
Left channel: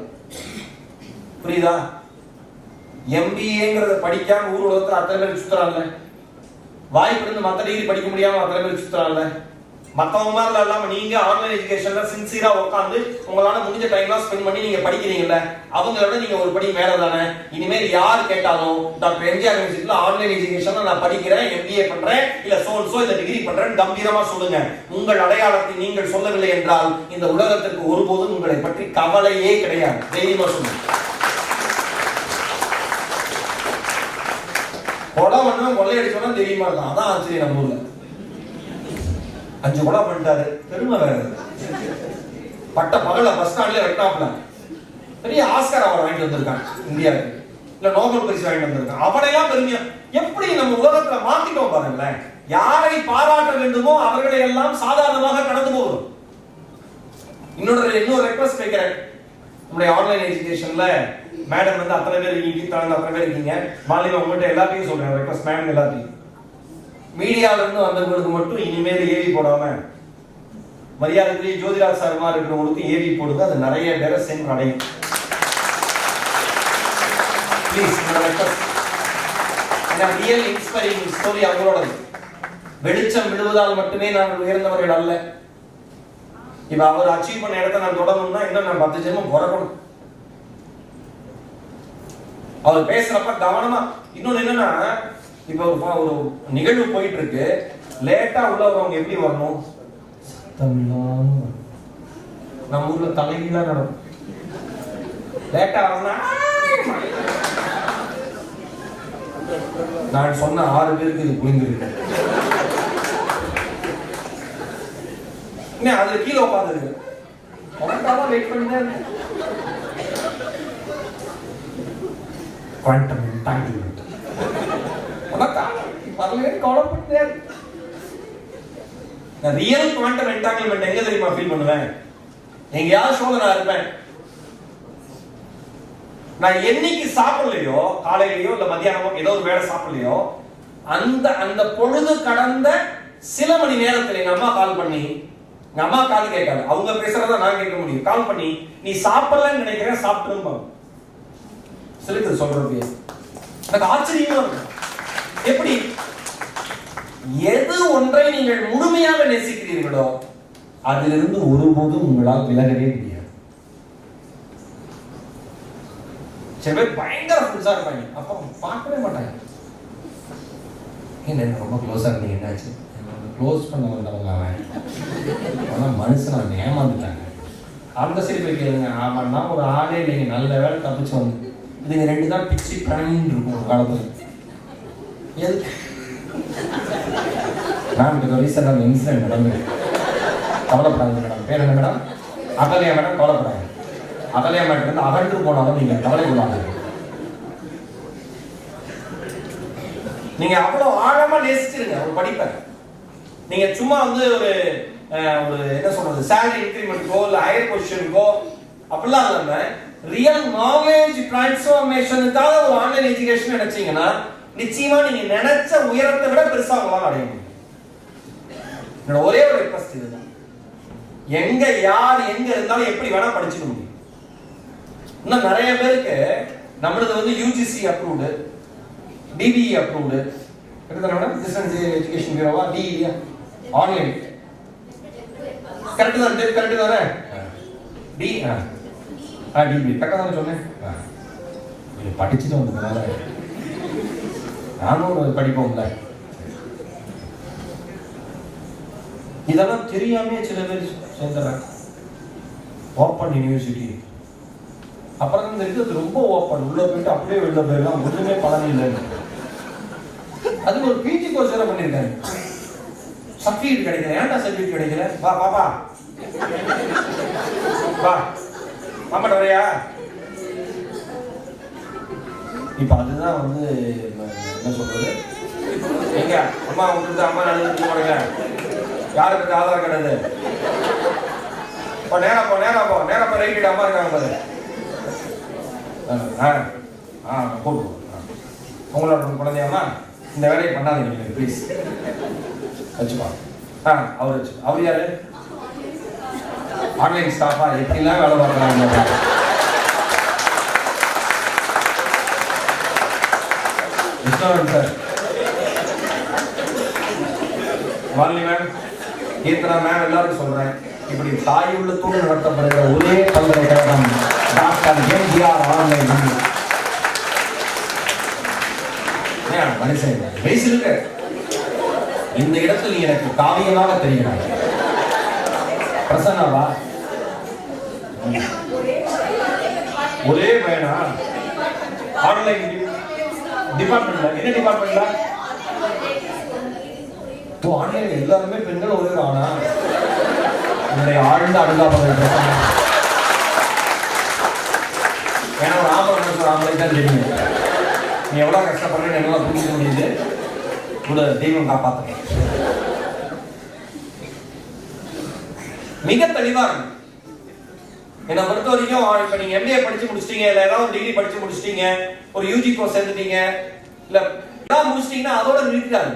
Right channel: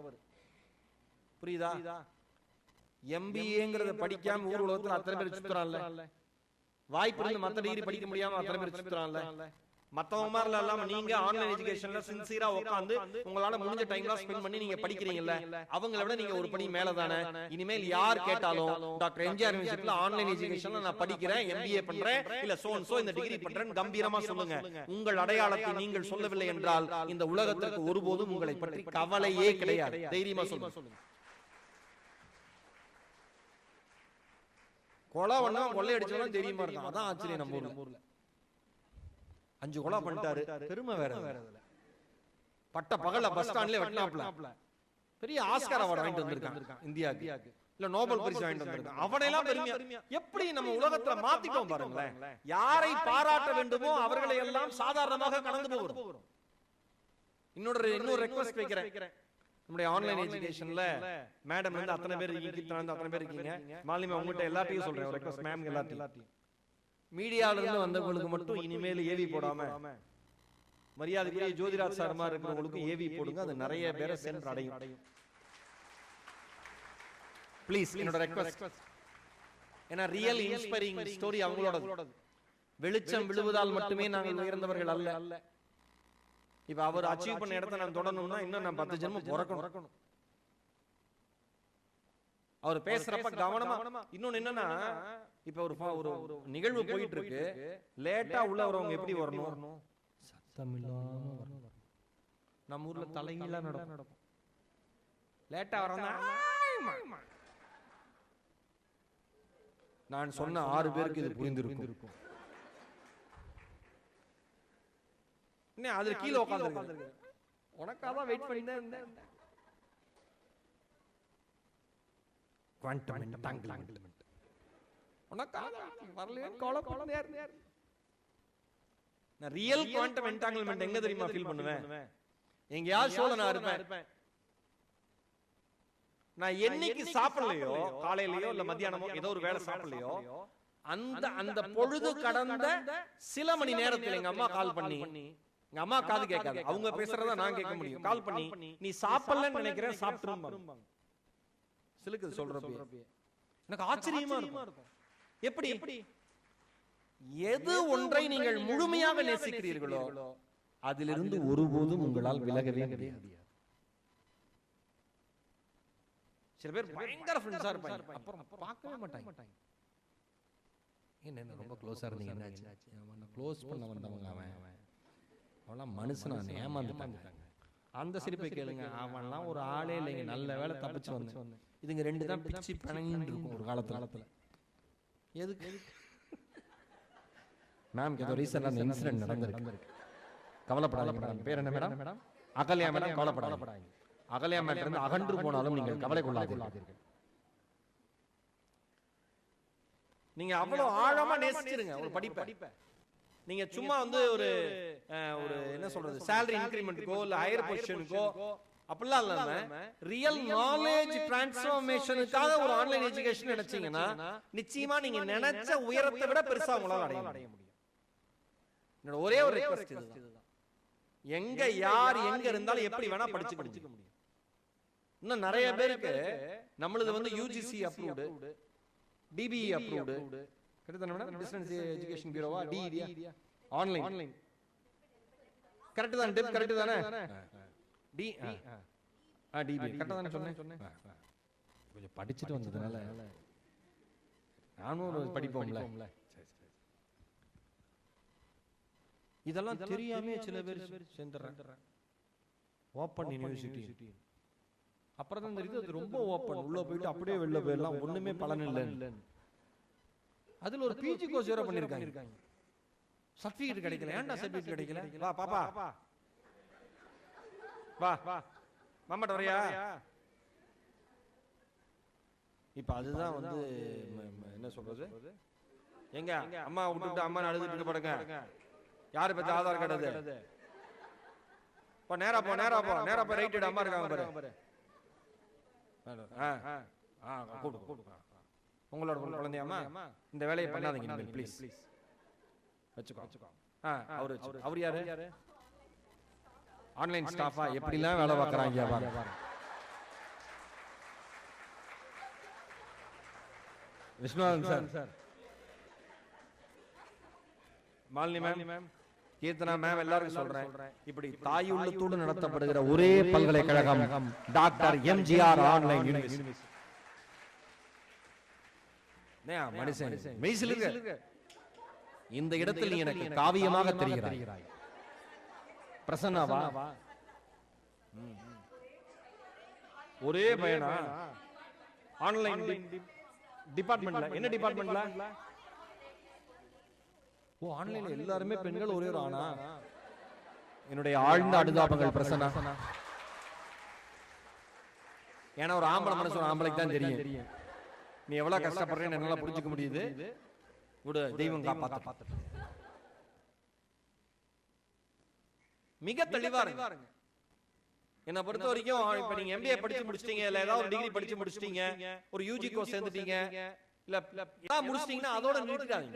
புரியுதா? MBAங்கிறத படிக்காம ஊர் உலகத்துல அத்தனை பேர் சுத்துறாங்கல்ல, வாய்ப்பு இருந்து மற்ற டிகிரி படிக்க முடியாம அத்தனை பேர் சுத்துறாங்கல்ல. மற்றவங்க மாதிரி இல்லாம நீங்க ஆன்லைன் எஜுகேஷன்ல சின்சியரா உட்காந்து உங்களால முடிஞ்ச டைம்லாம் ஸ்பெண்ட் பண்ணி நீங்க படிக்கிறீங்கல்ல, அவங்களோட நீங்க ஒரு படி மேல தானே. இனிமேல் யார் கேட்டாலும் டாக்டர் எம்ஜிஆர் யூனிவர்சிட்டியில ஆன்லைன் எஜுகேஷன்ல நான் படிக்கிறேன், MBA பண்றேன், இல்ல சோ இந்த டிகிரி பண்றேன் கம்பீரமா சொல்லுங்க. உங்கள் அடையாளத்தை நீங்கள் சொல்லவில்லை என்றால் இந்த உலகத்திற்கு ஒருபோதும் உங்களை பற்றி கவலையே கிடையாது. தைரியமா சொல்லுங்க. கொலை பண்ணவன் கொள்ளையடிச்சோன்னா தெரியுமா இருக்கும், அதான் ஆச்சரியம். நம்ம ஊர்ல 5 கொலை பண்ணிட்டாரு, பெருமை வேற. பட்ட பகல பஸ் ஸ்டாண்ட்ல வெட்டாப்ல பெரிய ஆஸ்கர் அவர் வாங்கிட்டு வந்திருக்கான் இந்தியாவுக்கு, இல்ல நோபல் பரிசு வாங்கிட்டு வந்திருக்கான். அவனையெல்லாம் பெருமையா எப்படி நம்ம உலகத்துல மாத்திட்டோம் பாருங்களேன். யாரை பாராட்ட வேண்டுமோ அவர்களை எல்லாம் சாதாரணமாக கடந்து போகிறோம். இன்னொரு ரெக்வஸ்ட் கேட்கிறேன். நம்முடைய ஆன்லைன் எஜுகேஷன்ல மேடம் வந்து அத்தனை பேர் இருக்கீங்க, அத்தனை பேர் இருக்கீங்க. மாநிலம் உங்கள்கிட்ட எல்லாத்தையும் சொல்றேன் ரெக்வஸ்ட், மேடம் எல்லாத்தையும் மீடியால இருந்து வந்தவங்களுக்கு மட்டும் இனிமேல் ஏவி போடாம மரியாதைக்குரிய ஜோதிராஜ் சார்மா இருக்கிறவங்களுக்கு ஏவி போடுங்க, அது நிறைய பேரை சென்று அடையும். ப்ளீஸ் ரியல் இன்ஸ்பைரிங் ஸ்டோரி அவங்களோடது. வெளிச்சம் விழுவதால் மட்டுமே நாங்கள் உயர்ந்தவர்கள் அல்ல. இப்ப அவர் அச்சீவ் பண்ண இடத்தை நான் தொடரணும்னா இன்னும் நான் 10 ஜென்மம் பிறக்கணும். அவர் பேசுறப்ப கவனமா. இன்னொன்னு என்னன்னா, இப்ப ஒரு நிகழ்வு போயிட்டு இருக்கு, லேட்டா உள்ள வரவங்க எப்படி வரணும்? நம்ம ஊர்ல தலைகீழா நடக்கும். லேட்டா வரணும். நான் சொன்ன 6 பேருக்கு இது புரிஞ்சிருக்கு. அதுல கீழே உட்காந்துருக்கு, வெயிட் பண்ணுங்க. Quantum entanglement real quantum entanglement எங்க தெரியுமா ஃபீல் பண்ணுவேன்? எங்கயாவது ஷோல நான் இருப்பேன், நான் என்னைக்கு சாப்பிடலையோ, காலையிலயோ இல்ல மத்தியானமோ ஏதோ ஒரு வேளை சாப்பிடலையோ, அந்த பொழுது கடந்த சில மணி நேரத்துல எங்க அம்மா கால் பண்ணி, எங்க அம்மா கால் கேட்காது, அவங்க பேசுறத நான் கேட்க முடியும், கால் பண்ணி நீ சாப்பிடலன்னு நினைக்கிறேன் சாப்பிட்டுருப்பாங்க. சிலருக்கு சொல்றது எனக்கு ஆச்சரியமா இருக்கும். எப்படி எது ஒன்றை நீங்கள் முழுமையாக நேசிக்கிறீர்களோ அதிலிருந்து ஒருபோதும் உங்களால் விலகவே முடியாது. சில பேர் பயங்கர ஃப்ரெண்ட்ஸா இருப்பாங்க, அப்ப பார்க்கவே மாட்டாங்க. என்ன ரொம்ப க்ளோஸா இருந்தீங்க, என்னாச்சு? க்ளோஸ் பண்ண வந்தவங்க அவன் மனுஷன் அவன் ஏமாந்துட்டாங்க. அந்த சரி போய் கேளுங்க, ஆமாண்ணா ஒரு ஆளே இல்லைங்க, நல்ல வேலை தப்பிச்சு வந்து. இதுங்க 2 தான் பிச்சு பிராணின்னு இருக்கும் ஒரு காலத்துல. எதுக்கு நான் ரீசெண்டாக இன்சிடென்ட் நடந்தது. கவலைப்படாது மேடம். பேர் என்ன மேடம்? அகலையா மேடம். கவலைப்படாது. அகலையா மேடம் வந்து அகன்று போனாலும் நீங்க கவலைப்படாது. நீங்க அவ்வளவு ஆழமா நேசிச்சிருங்க ஒரு படிப்பை. நீங்க சும்மா வந்து ஒரு என்ன சொல்றது, சேலரி இன்கிரிமெண்ட்கோ இல்ல ஹையர் பொசிஷனுக்கோ அப்படிலாம் இல்லாம ரியல் நாலேஜ் டிரான்ஸ்ஃபர்மேஷனுக்காக ஒரு ஆன்லைன் எஜுகேஷன் நினைச்சீங்கன்னா நிச்சயமா நீங்க நினைச்ச உயரத்தை விட பெருசா உங்களால அடைய முடியும். என்னோட ஒரே ஒரு ரிக்வெஸ்ட் இதுதான். எங்க யார் எங்க இருந்தாலும் எப்படி வேணா படிச்சுக்க முடியும். இன்னும் நிறைய பேருக்கு நம்மளது வந்து UGC approved, DBE approved, distance education பியூரோவா, DEA ஆன்லைன் கரெக்ட் தான், கரெக்ட் தானே? DBE கரெக்டா தானே சொன்னேன்? படிச்சுட்டு வந்ததுனால நானும் படிப்போம்ல. இதெல்லாம் தெரியாமே சில பேர் சேர்ந்துறாங்க. ஓப்பன் யூனிவர்சிட்டி அப்புறம் தெரிஞ்சது ரொம்ப ஓப்பன், உள்ள போயிட்டு அப்படியே வெளில போயிடலாம், ஒண்ணுமே பலன் இல்லைன்னு. அது ஒரு PG கோர்ஸ் வேற பண்ணிருக்காங்க. சர்டிஃபிகேட் கிடைக்கல. ஏன்டா சர்டிஃபிகேட் கிடைக்கல? வா பாப்பா வா மாமாட்ட வரையா. இப்ப அதுதான் வந்து என்ன சொல்றது, எங்க அம்மா விட்டு அம்மா நல்லது யாருக்கு ஆதார் கார்டு? நேரா போ நேரா போ நேரா போ, ரைட் அம்மா இருக்காங்க பாரு. போட்டு உங்களோட குழந்தையம்மா இந்த வேலையை பண்ணாதீங்க ப்ளீஸ். வச்சுப்பா. அவர் வச்சு அவர் யாரு? ஆன்லைன் ஸ்டாஃபா எப்படிலாம் வேலை பார்க்குறாங்க. Vishnuvaran sir, Vali ma'am, Keerthana ma'am, எல்லாரும் சொல்றேன், இப்படி தாய் உள்ளத்தோடு நடத்தப்படுகிற ஒரே பல்கலைக்கழகம் டாக்டர் எம்ஜிஆர் ஆன்லைன். மனுஷன் வயசு இருக்கு, இந்த இடத்தில் எனக்கு காவியமாக தெரிகிறார். பிரசன்னாவா? ஒரே பையனா? ஆன்லைன் டிபார்ட்மெண்ட்ல என்ன டிபார்ட்மெண்ட்ல? ஆன்லைன் எல்லாருமே பெண்கள் ஒரே ஆனா என்னுடைய ஆழ்ந்த அனுதாபங்கள். ஏன்னா ஒரு ஆம்பளை தான் தெரியும் நீ எவ்வளவு கஷ்டப்படுறேன்னு என்னால புரிஞ்சுக்க முடியுது. கூட தெய்வம் காப்பாற்ற மிக தெளிவா இருக்கு. என்னை பொறுத்த வரைக்கும் இப்ப நீங்க MBA படிச்சு முடிச்சிட்டீங்க, இல்ல ஏதாவது டிகிரி படிச்சு முடிச்சிட்டீங்க, ஒரு UG கோர்ஸ் சேர்ந்துட்டீங்க, இல்ல ஏதாவது முடிச்சிட்டீங்கன்னா அதோட நிறுத்தாது.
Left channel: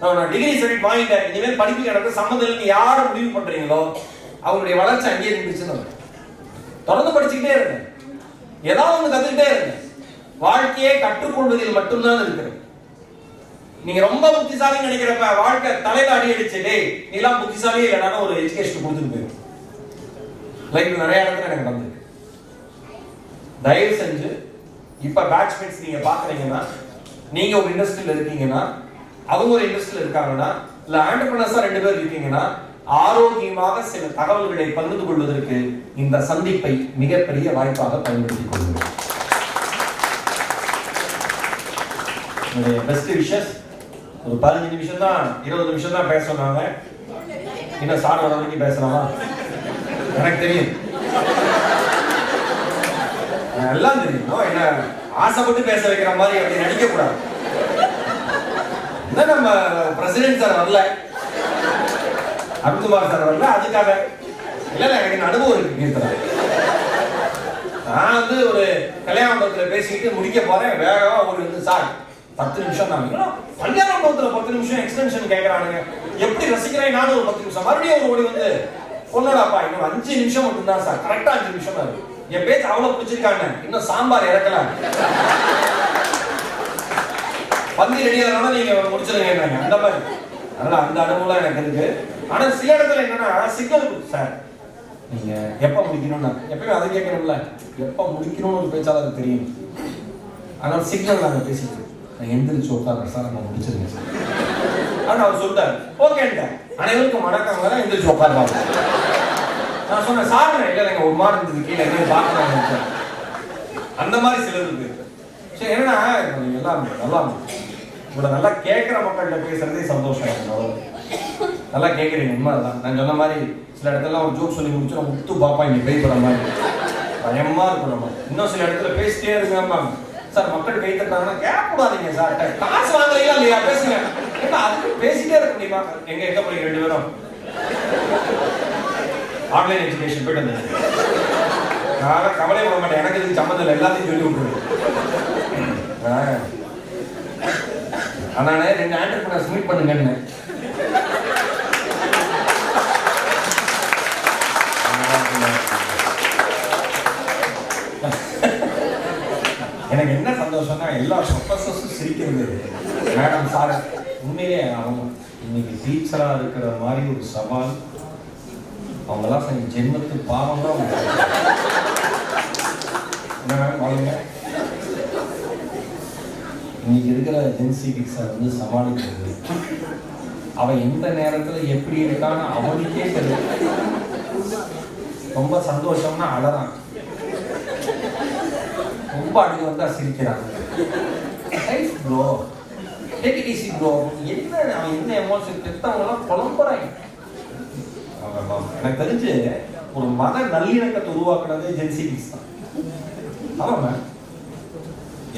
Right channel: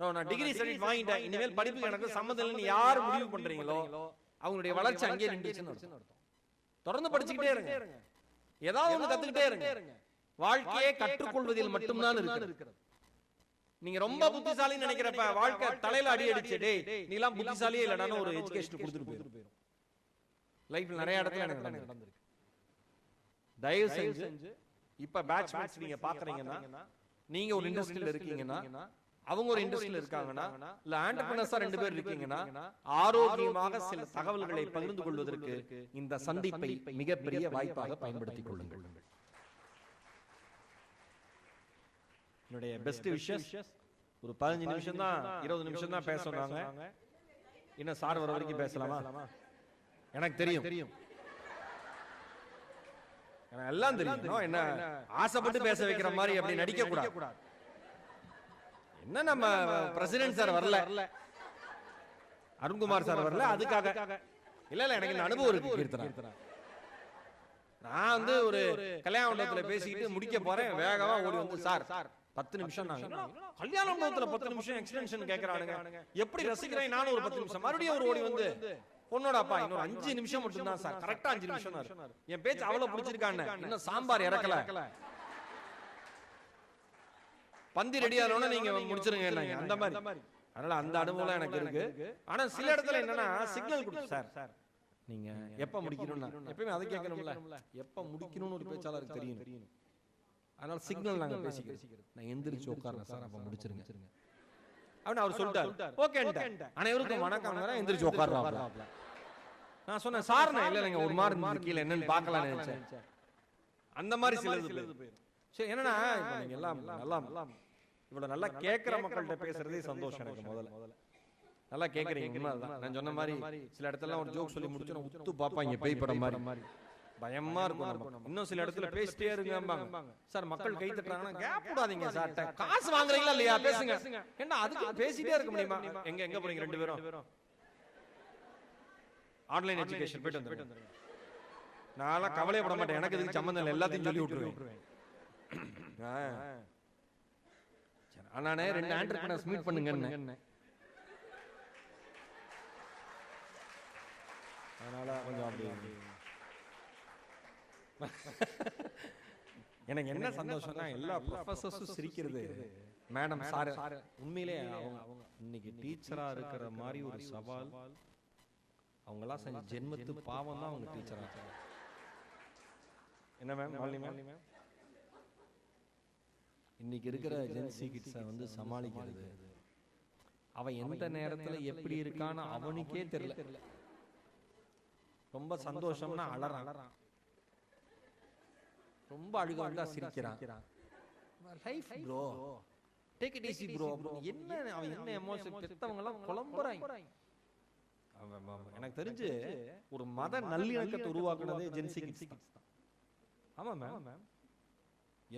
நான் டிகிரி சர்டிஃபிகேட் வாங்கிட்டேன், இனிமேல் படிப்பு எனக்கு சம்மந்தம் இல்லைன்னு யாரை முடிவு பண்றீங்களோ அவங்களுடைய வளர்ச்சி அங்கேயே நின்றுச்சுன்னு தொடர்ந்து படிச்சுக்கிட்டே இருங்க, ஏதாவது ஒன்று கத்துக்கிட்டே இருங்க. வாழ்க்கையை கற்றுக்கொள்வதில் மட்டும்தான் இருக்கிறது. நீங்க ரொம்ப புத்திசாலின்னு நினைக்கிறப்ப வாழ்க்கை தலையில அடி அடிச்சு டேய் நீ எல்லாம் புத்திசாலியே இல்லைனா ஒரு எஜுகேஷன் கொடுத்துட்டு போயிடும். லைஃப்ல நிறைய இடத்துல எனக்கு நடந்திருக்கு. தயவு செஞ்சு இப்ப பேட்ச்மேட்ஸ் நீங்க பாக்குறீங்கன்னா, நீங்க ஒரு இண்டஸ்ட்ரியில இருக்கீங்கன்னா, அவங்க ஒரு இண்டஸ்ட்ரியில இருக்காங்கன்னா, இல்ல ஆண்டர்பிரனர்ஸா 2 பேர் இருக்கீங்கன்னா, ஆரோக்கியமாக சில தகவல்களை பகிர்ந்து கொள்வதற்கு இந்த சந்திப்பை மிகப்பெரிய வாய்ப்பாக பயன்படுத்திக் கொள்ளுங்கள். Best wishes. ஒரு 15 நிமிஷம் தான் 20 நிமிஷம் தான் பேச சொன்னாங்க. இன்னும் சார் வர வரைக்கும் பேசலாமா? எனக்கு தெரியும், எல்லாம் தெரியும். என்ன ஆசைப்பட்டு பேச வைக்கிற மாதிரி அப்படி நடிக்க கூடாது. நம்ம பிரசிடென்ட் சார் வரல, அருண்குமார் சார் வரல, அதுக்காக இல்ல எனக்கு அனுபவம் இருக்கு. நான் ஒரு கல்யாண மண்டபத்தில் பேசிக்கிட்டு முடிக்க போறேன், வேகமா ஒரு சார் 10 நிமிஷம் தான். கல்யாண மண்டபத்தில் 10 நிமிஷம் எக்ஸ்டென்ஷன் கேட்கறானுங்க. எப்படி ரசிக்கிறேன் நானும் ஒரு 10 நிமிஷம். மறுபடியும் ஒரு பொண்ணோடாப்பா இன்னும் 5 நிமிஷம் மட்டும் தான் சார், கரெக்டா 5 நிமிஷம் தான். என் பேச்சு அவ்வளவு பிடிச்சிருக்காங்க, இன்னும் சாம்பார் இறக்கல, பந்தி ரெடியானால நீங்க முடிச்சிருங்க அந்த மாதிரி. அதனால அந்த அனுபவம் எனக்கு இருக்கு. ஆனா சில இடத்துல என்னன்னா சிக்னல் சார் நீங்க எப்ப முடிக்கணும்னா எப்பயுமே அதை கேட்கணும்ல, எப்ப முடிக்கணும்னு ஒரு பேச்சாளருக்கு தெரியும். ஆனால் சிக்னல் நாங்க பேசிட்டு நான் எந்திரிச்சு உட்கார்றேன் சார், நான் முடிச்சிருங்க சார். ஆனா அவர் சொல்றாரு ஓகேங்க அனைவருக்கும் வணக்கம், வர எந்திரிச்சு உட்காருவாங்க. நான் சொன்னேன் சார் இல்ல நீங்க ஒரு மாதிரி இருந்தது கீழே எங்க பாக்குறாங்க அந்த மாதிரி சிலது இருக்கு. சரி என்னன்னா எல்லாம் நல்லா உங்களை நல்லா கேட்கிற மக்கள்கிட்ட பேசுறதே சந்தோஷம். நல்லா கேட்கறீங்க, உண்மைதான். நான் சொன்ன மாதிரி சில இடத்துல ஒரு ஜோக் சொல்லி முடிச்சு முத்து பாப்பா இங்க பேய் போற மாதிரி பயமா இருக்கும். நம்ம இன்னும் சில இடத்துல பேசிட்டே இருக்காம சார் மக்கள் கை தட்டாங்கன்னா கேட்க கூடாதீங்க சார், காசு வாங்கலையா இல்லையா பேசுங்க, அதுக்கு பேசிட்டே இருக்க முடியுமா? எங்க போறீங்க 2 பேரும்? ஆன்லைன் எஜுகேஷன் போயிட்டு வந்தேன். நான் கவலை பண்ண மாட்டேன், எனக்கு இதுக்கு சம்மந்தம் இல்லை, எல்லாத்தையும் சொல்லி விட்டுருவேன். ஆனானே 2 ஆண்டர்பிரனர்ஸ் மீட் பண்ணுங்கன்னு எனக்கு என்ன சந்தோஷம்னா எல்லா ப்ரொஃபஸர்ஸும் சிரிக்கிறது. மேடம் சார் உண்மையிலே அவங்க இன்னைக்கு டீச்சரா இருக்கிற மாதிரி ஒரு சவால் அவங்கெல்லாம் செஞ்ச ஜென்மத்து பாவம் தான். என்ன பாருங்க இன்னைக்கு இருக்கிற ஜென்சி கிட்ஸை சமாளிக்கிறது, அவன் எந்த நேரத்துல எப்படி இருக்கான்னு அவனுக்கே தெரியும். ரொம்ப சந்தோஷம்னா அழறான், ரொம்ப அழுகு வந்தா சிரிக்கிறாங்க. Bro take it easy bro. என்ன அவன் என்ன எமோஷன் பெற்றவங்கலாம் புலம்புறாங்க. எனக்கு தெரிஞ்சு ஒரு மத நல்லிணக்கத்தை உருவாக்குனதே ஜென்சி கிட்ஸ் தான். ஆமாங்க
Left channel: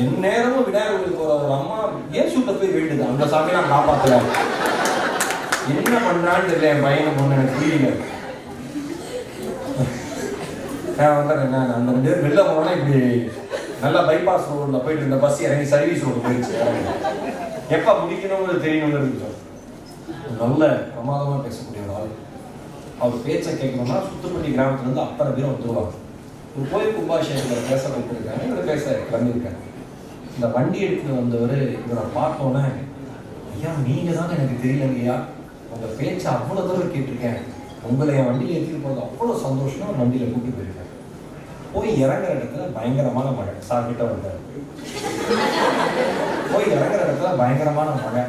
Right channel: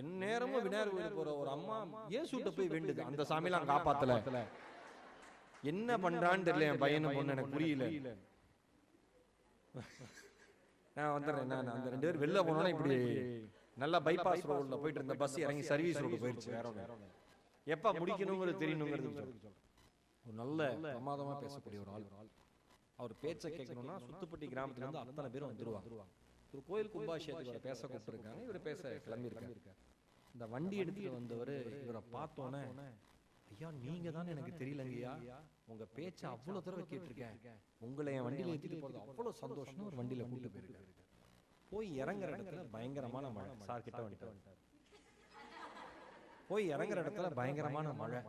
என் நேரமும் விநாயகருக்கு ஒரு அம்மா ஏன் சுட்ட போய் வேண்டுது, அந்த சாமி நான் காப்பாத்தல, என்ன பண்றான்னு தெரியல என் பையனை பொண்ணு எனக்கு புரியல. நான் வந்துடுறேன், அந்த 2 பேர் வெளில போனோன்னா இப்படி நல்லா பைபாஸ் ரோட்ல போயிட்டு இருந்த பஸ் இறங்கி சர்வீஸ் ரோடு போயிடுச்சு. எப்ப முடிக்கணும்னு தெரியணும்னு இருக்கு. நல்ல பிரமாதமா பேசக்கூடிய ஒரு ஆள். அவர் பேச்சை கேட்கணும்னா சுத்துப்பட்டி கிராமத்துலேருந்து அத்தனை பேரும் வந்துருவாங்க. ஒரு கோயில் கும்பாபிஷேகத்தில் பேச கொடுத்துருக்காங்க, இவர் பேச கிளம்பியிருக்காங்க. இந்த வண்டி எடுத்துட்டு வந்தவர் இவரை பார்த்தோன்னே, ஐயா நீங்கள் தானே எனக்கு தெரியலங்கய்யா, உங்கள் பேச்சை அவ்வளோ தூரம் கேட்டிருக்கேன், உங்களை என் வண்டியில் ஏற்றிட்டு போகிறது அவ்வளோ சந்தோஷமா வண்டியில் கூட்டி போயிருக்காரு. போய் இறங்குற இடத்துல பயங்கரமான மழை. சார் கிட்ட வந்தார். போய் இறங்குற இடத்துல பயங்கரமான மழை.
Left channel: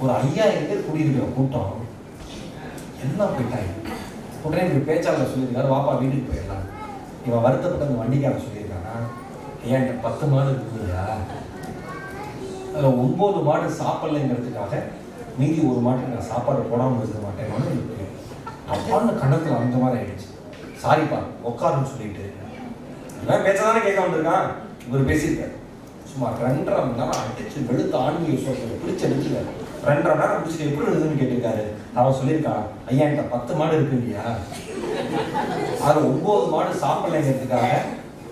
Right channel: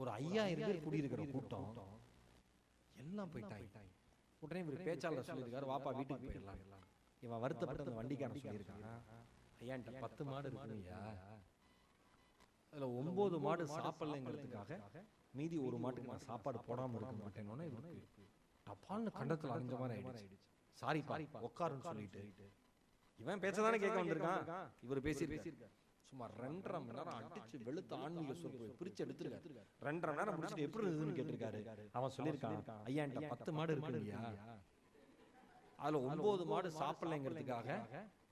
ஒரு 5000 பேர் கூடியிருக்கிற கூட்டம் எல்லாம் போயிட்டாங்க. உடனே இப்படி பேச்சாளர் சொல்லியிருக்காரு, வாப்பா வீட்டுக்கு போயிடலாம். இவன் வருத்தப்பட்ட அந்த வண்டிக்காரன் சொல்லியிருக்கானா, ஏன்ட்ட 10 மாடு இருக்குங்கய்யா, அதில் 9 மாடு சாப்பிடலைங்கிறதுக்காக மீதி ஒரு மாட்டுக்கு நான் சாப்பாடு போடாமல் இருக்க மாட்டேன்னு அப்பான்னு கண்ணத்தில் அந்த மாதிரி ஆயிடுச்சு. சாரிப்பா உட்காருன்னு சொல்லிட்டு இவன் பேச்சதானே கேட்க வந்திருக்கான். இவர் பேசியிருக்காரு. சும்மா 2.5 மணி நேரம் அடிச்சு வெளுத்த ஆன்மீக சோதனை பிடிச்சு எடுத்துக்காரு. 2.5 மணி நேரம் பிடிச்சிட்டு எப்படி எழுதுன்னு கேட்டிருக்காரு. அவன் சொல்லியிருக்கான், ஐயா என்கிட்ட 10 மாடு இருக்கு இல்லையா, அது 9 மாடு சாப்பிடலைங்கிறதுக்காக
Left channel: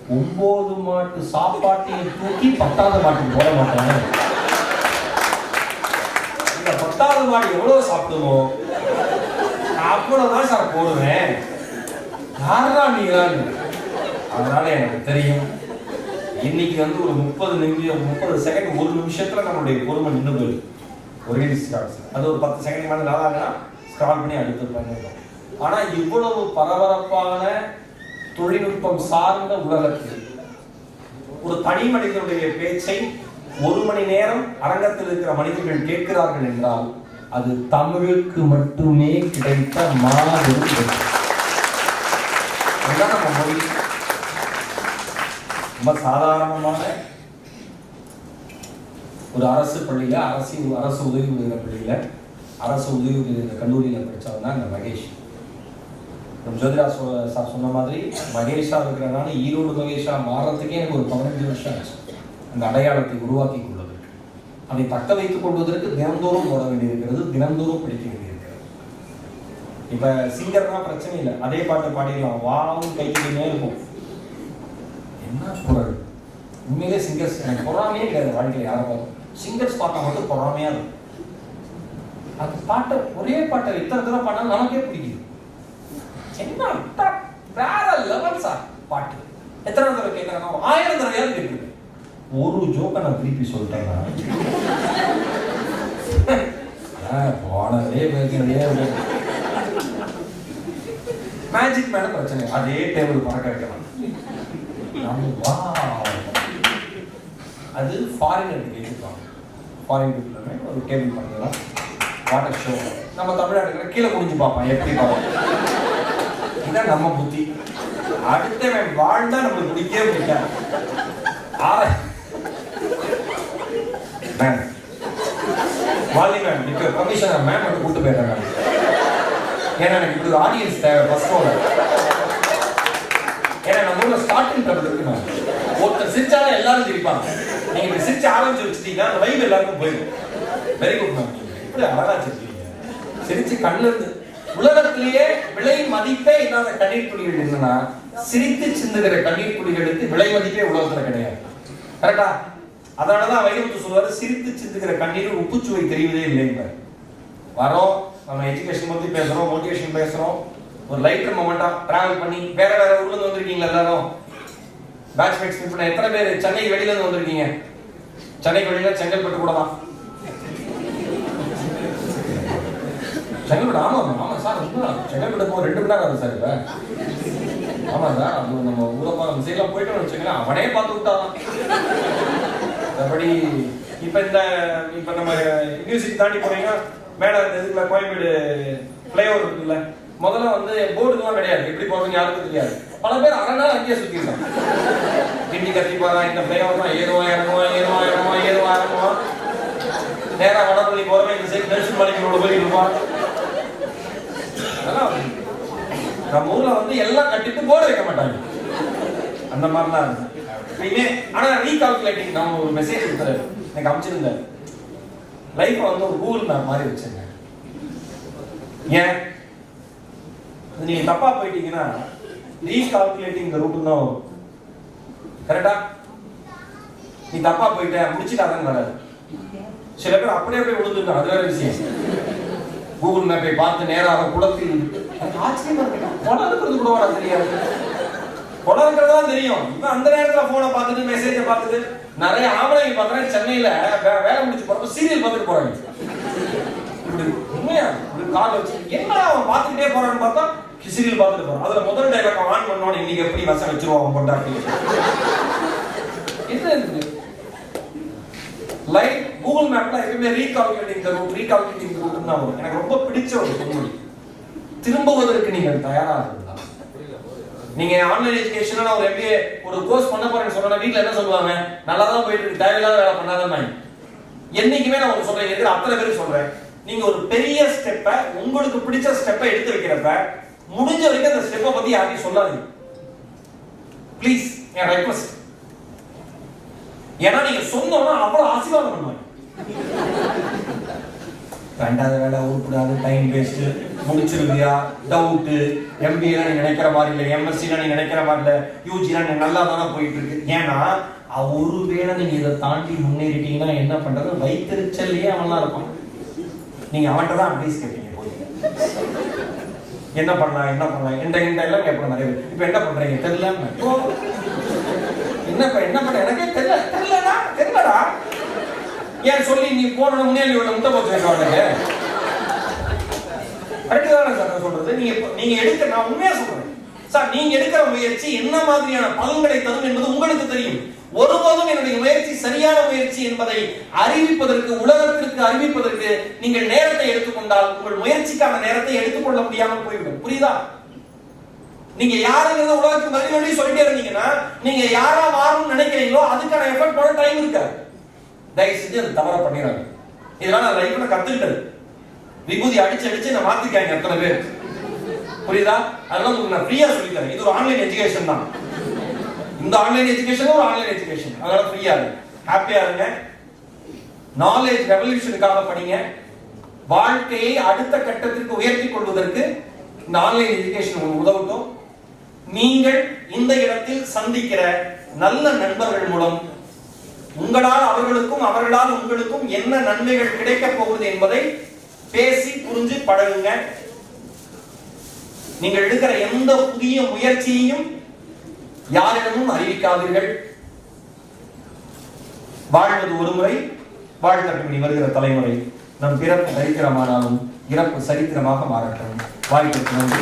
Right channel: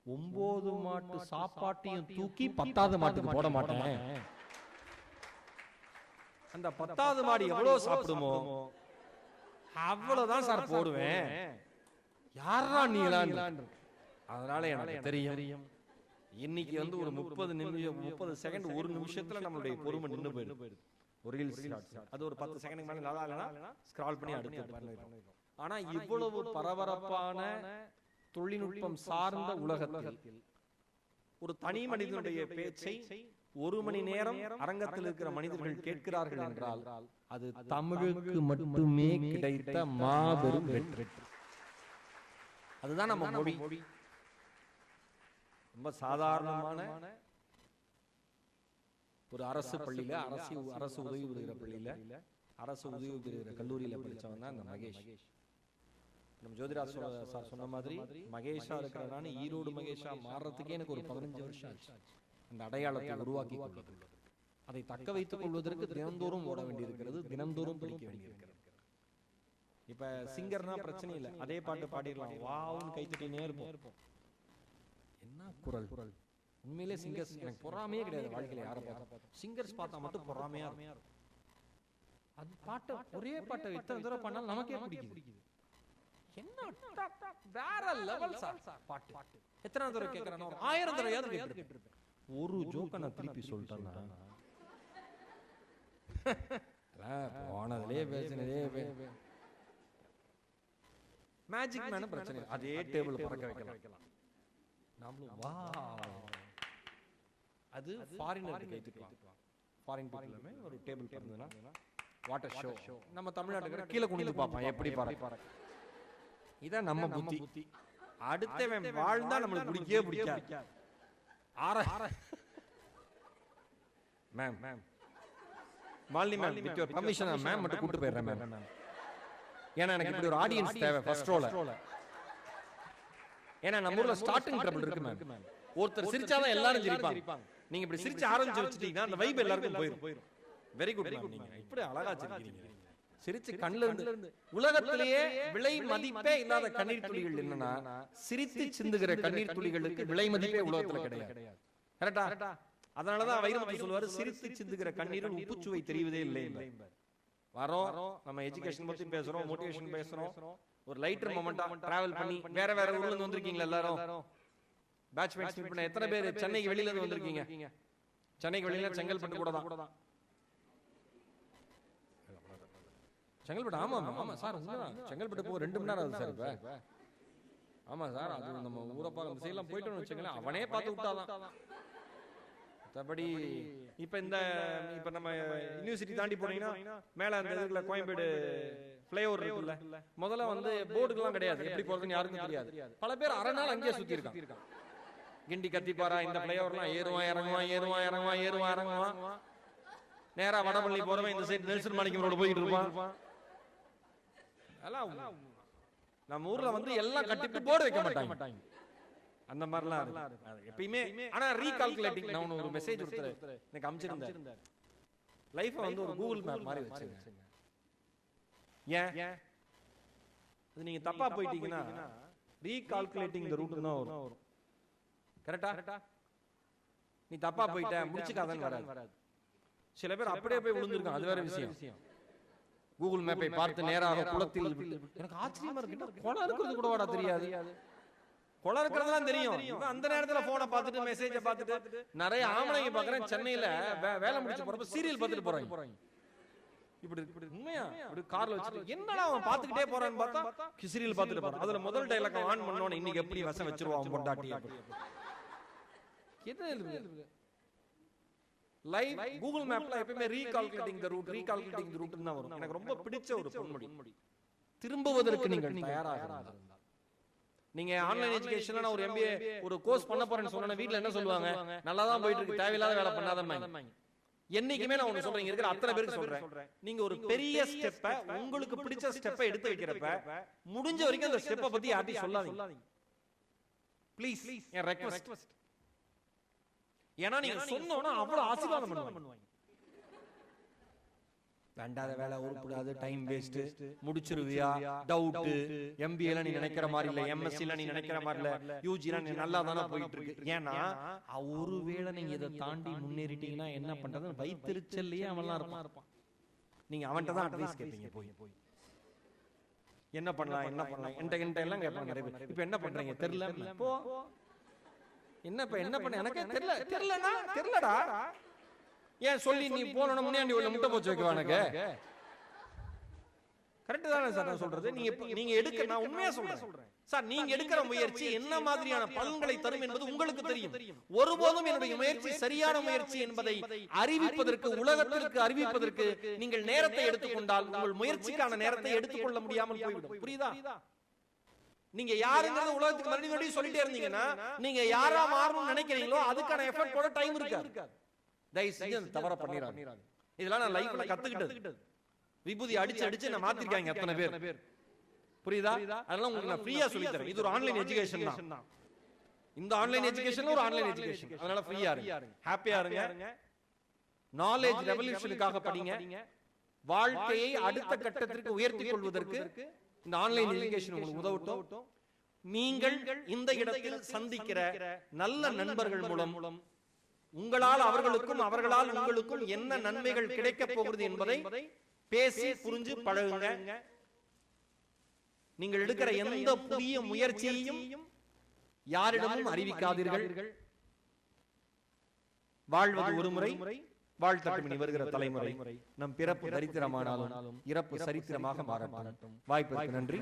9 மாட்டு சாப்பாட்டையும் தூக்கி 10வது மாட்டுக்கு போட மாட்டாங்க. இந்த 10வது மாடு எவ்வளவு சாப்பிடுமோ அவ்வளவுதான் சார் போடுவேன். யாரா நீங்களான்னு. அதனால எனக்கு தெரியும், இன்னைக்கு வந்து ஒரு 30 செகண்ட், 1 நிமிஷத்துல நம்மளுடைய பொறுமை நின்று போயிடுது. ஒரே ஸ்டார்ட் அது ஒரு 10 செகண்ட் மேலே நல்லாங்கன்னா ஸ்க்ரால் பண்ணி அடுத்து பண்ணிடுறோம். ஆனா இவ்வளவு பரபரப்பான தொழில்நுட்பம் சார்ந்த உலகத்தில் ஒரு தனி மனிதனுடைய பேச்சை 1 மணி நேரம் அரங்கத்தில் இருக்கிற மனிதர்கள் கேட்கிறார்கள் என்றால் அது தமிழுக்கு மட்டுமே கிடைத்த மாபெரும் வெற்றி. அதுதான் நம்ம மொழி. ரொம்ப சாதாரணமான ஒரு அரசு பள்ளியில, அரசு உதவி உதவிற பள்ளியில, அரசு உதவி உதவிற கல்லூரியில படிச்சவன் தான் இந்த மகேஷ். நம்ம ஜோதிரா சார் சொன்ன மாதிரி மகேஷா இருக்கிறனால ஈரோடு மகேஷா மாறத்துக்கே எனக்கு ஒரு 15 வருஷம் ஆச்சு. அந்த அடையாளத்தை உருவாக்கி கொள்வதற்கு, அதை தக்க வைத்துக் கொள்வதற்கு தினந்தோறும் போட வேண்டியிருக்கிறது, தினந்தோறும் படிக்க வேண்டியிருக்கிறது. இப்ப சிங்கர்னா பிரச்சனை இல்லை, அதே பாட்டு பாடிடலாம், வாவும் கைக்கிட்டே இருக்கும். என்ன குரல்! உண்மையிலே சிங்கர்ஸ் எனக்கு பொறாமையே கிடையாது வாழ்க்கையில். யாரை பார்க்கும் சிங்கர்ஸ் பார்த்தா மட்டும் பொறாமையா இருக்கும். அந்த பாட்டை ஒரே பாட்டை இத்தனை தடவை பாடினா நமக்கே பிடிக்குது. என்ன வேற லெவல் சார் பாட்டு. எத்தனை தடவை கேட்கறாங்க? 1000 தடவையாவது கேட்குது. ஒரு ஜோக்கை நான் திருப்பி சொல்லிட்டேன்னா போனதே மேஜிக் மேடம் பிரச்சனை, அதே டேபிள் பறக்க வைக்கலாம். அது ஃபாரினருக்கு கேட்டுருக்காங்க. ஃபாரின் பீப்புளுமே ஒரு டேபிள் பண்ணலாம், வாட்டர் ஷோ. நம்ம தமிழ்நாட்டுக்கு கீழே குடிஞ்சு பார்ப்பான், எப்படி பார்ப்போம். இதுதான் நம்ம புத்தி. அடுத்த வாழ்ந்தா நம்மளுக்கு பிடிக்கவே பிடிக்காது. மேம் வாலி மேம் இப்போ கமிஷனர் மேம் வந்து கூட்டு போயிடுறாங்க. ஏன்னா எனக்கு இப்படி ஒரு ஆடியன்ஸ் தேவை ஃபர்ஸ்ட் ரோல. ஏன்னா நம்ம ஊர்ல ஸ்டார்டிங் ட்ரபிள் இருக்கு மேம். ஒருத்தர் சிரிச்சாலும் எல்லாரும் சிரிப்பாங்க. நீங்க இப்படி சிரிச்சு ஆரம்பிச்சு வச்சுட்டீங்கன்னா அந்த வைப் எல்லாருக்கும் போயிடும். Very good ma'am. இப்படி அழகா சிரிச்சீங்க. சிரிச்சு கண்ணுல இருந்து உலகத்திலேயே விலை மதிப்பே இல்லாத கண்ணீர் துளிகள் என்னன்னா சிரித்து சிந்துகிற கண்ணீர் துளிகளுக்கு விலை மதிப்பே உலகத்துல கிடையாது. கரெக்டா? அதனாலதான் வைரமுத்து சொல்வாரு, சிரித்து சிந்துகிற கண்ணீர் உப்புச்சுவை தெரிவதே இல்லைங்க. வரோம், நம்ம எஜுகேஷன் பத்தி பேசுறோம், மோட்டிவேஷன் பேசுறோம், ஒரு லைட்டர் மொமெண்டா டிராவல் பண்ணி வேற வேற ஊர்ல இருந்து வந்திருக்கீங்களா எல்லாரும்? பேட்ச் மேட்ச் மீட் பண்ண எத்தனை பேர் சென்னை வெளியில இருந்து வந்திருக்கீங்க? சென்னை வெளியில செங்கல்பட்டு கூட தான். செங்கல்பட்டு ஆமா ஆமா சார், செங்கல்பட்டு போக 2 மணி நேரம் ஆகுது சார். இப்ப ஆமா சார், அது நம்ம ஊரப்பா நம்ம சைட்லாம் போயிட்டு வச்சுக்கலாம், அவனே பார்த்து விட்டாதான். அப்படி இப்ப நம்ம யூனிவர்சிட்டி தாண்டி போனீங்கன்னா மேல இதுல கோயம்பேடு பிளேஓவர் இருக்குல்ல, முதல்ல வந்து போர்டுலாம் கிடையாது, எப்படி போறதுன்னு யாருக்கும் தெரியாது. பல பேர் அரை நாள் அங்கேயே சுத்திருக்காங்க. கிண்டி கத்தி போறா, இந்த பிளேஓவர் தான் ஏறுவா இறங்குவா. நேரா வடபள்ளி போறவன் இந்த சைடு நெல்சன் மலைக்கு போய் இருப்பான். அதெல்லாம் நம்ம ஊர்ல வந்து எல்லாம் கட்டிட்டு போர்டு வைக்க மாட்டாங்க. அந்த மாதிரிலாம் இருக்கு. ஆனா ரீகால்குலேட்டிங் நம்ம ஒரு மெசேஜ் கொடுத்தாரு, எனக்கு அமைச்சிருந்தாரு. லைஃப் வந்து ஒரு கூகுள் மேப் மாதிரி வச்சிருங்க. ஏன் நீங்க தப்பா போயிட்டீங்கன்னா ரீகால்குலேட்டிங் இந்த ரூட் தான் வரும். கரெக்டா? நீ தப்பா போயிட்ட முடிச்சுட்டாதான் வராது. சில பேர் அப்படியே போய் விழுந்துருக்காங்க, அது வேற விஷயம். கூகுள் மேப்பை பார்த்து நேராக குளத்தில் ஆச்சரியமா இருக்கு. படம் இருக்கிறது கூட வர தெரியாது. படம் இருக்கிறதா தெரியும். இவன் அந்த நேரத்துல போனை பார்த்துட்டு மெசேஜை பார்த்துட்டு நிறைய ஆம்பளைங்க பார்க்குறேன் சென்னையில வேலை முடிச்சு போறப்ப சீரியல் பார்த்துட்டு போறாங்க. இப்படி உண்மையா இப்படி கால் வச்சு என்னடா அவன் பார்த்துக்கிட்டே போறான்னு பார்த்தா சீரியல் பார்த்துட்டு போறான். அதுல முதல் டைலாக் ஆன் பண்ணோன்னு இன்னைக்கு எப்படி வசம் வச்சிருவான் பொண்டாட்டி. என்ன இருக்கு லைட் கூகுள் மேப்ல எப்பவுமே ரீகால்குலேட்டிங் தி ரூட் தான் வரும். எனக்கு ரொம்ப பிடிச்ச ஒரு பொன்மொழி. திரும்புவதற்கு நீங்கள் தயாரா இருந்தா, நீங்க ஆன்லைன் எஜுகேஷன்ல ஒரு MBA ஒரு கோர்ஸ் பண்ண போறேன்னு சொன்னா வீட்ல என்ன சொல்லுவாங்க, நல்லா தான் போயிட்டு இருக்கு, தேவையில்லாத வேலை பண்ணாதான். என்னைக்குமே நான் ஒரு சொல்றேன், இருக்கிற அத்தனை பேருக்கு சொல்றேன், நீங்க ஒரு பெரிய ஸ்டெப்பை உங்களுக்கு பிடிச்ச ஸ்டெப்பை எடுத்து வைக்கிறப்ப முடிஞ்ச வரைக்கும் அந்த ஸ்டெப்பை பத்தி யாரையும் சொல்லாதீங்க ப்ளீஸ், என் ரெக்வெஸ்ட். ஏன்னா நீங்க சொன்னோம்னா அவ்வளவு ஆசீர்வாதம் பண்ணுவாங்க. ரெண்டாவது வேலை உருப்படாது, டைம் வேஸ்ட், முடிச்சிருவியா, டவுட், MBA நீங்க நினைக்கிற மாதிரி இல்லை, MSc நீங்க நினைக்கிற மாதிரி இல்லை, UG நீங்க நல்லா தானே போயிட்டு இருக்கு. ஏன்னா ஒருவேளை நீங்க இதை தாண்டி முன்னேறிட்டீங்கன்னா என்ன பண்றது, வைத்திருச்சல்லையே அவன்லாம் இருப்பான். நீங்க அவன்கிட்ட தான் அட்வைஸ் கேட்பீங்க போய், என்ன பண்ணலாம் இந்த எல்லாம் கேட்போம் நிறைய பேர். இப்ப என்ன பண்றீங்க தெரியல, என்ன பண்ண எனக்கே தெரியலடா ஏன் சொல்லி நீ போன முன்னாடி முட்டை போச்சு வைக்க. கரெக்ட் தானே சார் நான் சொல்றது? நீங்க எடுக்க, நான் உண்மையா சொல்றேன் சார், நீங்க எடுக்கிற முயற்சி என்ன மாதிரியான பலன்களை தரும் என்பது உங்களுக்கு தெரியும். ஒருபோதும் என்னுடைய முயற்சி சரியான முயற்சி என்பதை அறிவிப்பதற்கு, உலகத்திற்கு அறிவிப்பதற்கு நீங்கள் நேரத்தை எடுத்துக்கொண்டால் உங்கள் முயற்சிக்கான நேரத்தை எடுத்துக்கொள்ள முடியாமல் போய்விடும். புரியுதா? நீங்க யாருங்கிறத உலகத்துக்கு மறுபடியும் சொல்லிட்டே இருந்தீங்கன்னா நீங்க யாரா மாறணும்னு நினைக்கிறீங்களோ அதுக்கான எஃபர்ட் பண்ண டைம் இருக்காது. தயவு செஞ்சு அது தவற பண்ணிடாங்க. இதெல்லாம் நான் லைஃப்ல கத்துக்கிட்டது. விபூதி அடிச்சு நான் மாத்திக்காங்க அத்தனை பேர். புரியுதா? அதெல்லாம் உங்களுக்கு நான் ஃப்ரீயா சொல்லி தரேன். இது ஒரு ஆன்லைன் எஜுகேஷன் தான். இந்த ஆன்லைன் எஜுகேஷன் ஒரு ஆன்லைன் எஜுகேஷன். அதனால ஃப்ரீயா இருங்க, ஹாப்பியா இருங்க. நாலேஜ் ரெவல்யூஷனுக்காக படிங்க. வாழ்க்கையை அடுத்த கட்டத்திற்கு உயர்த்தி கொள்வதற்கு இந்த ஆன்லைன் எஜுகேஷன் உங்களுக்கு உதவட்டும். நீங்கள் இந்த இடத்தில் சந்திக்கிற நல்ல நண்பர்கள் மூலம் உங்களால் அவர்களுக்கும் அவர்களால் உங்களுக்கும் என்ன நன்மைகள் கிடைக்க போகுது என்பதை பேசி புரிஞ்சு பழகுங்க. நீங்கள் எடுக்கிற எந்த புதிய முயற்சியையும் யாரிடமும் அறிவிக்காதீர்கள். வாழ்வது ஒரு முறை, வாழ்க்கை வருகிற தலைமுறை. நம் பிறப்பு சரித்திரமானாலும் இறப்பு சரித்திரமாக மாறட்டும். வாய்ப்புக்கு நன்றி.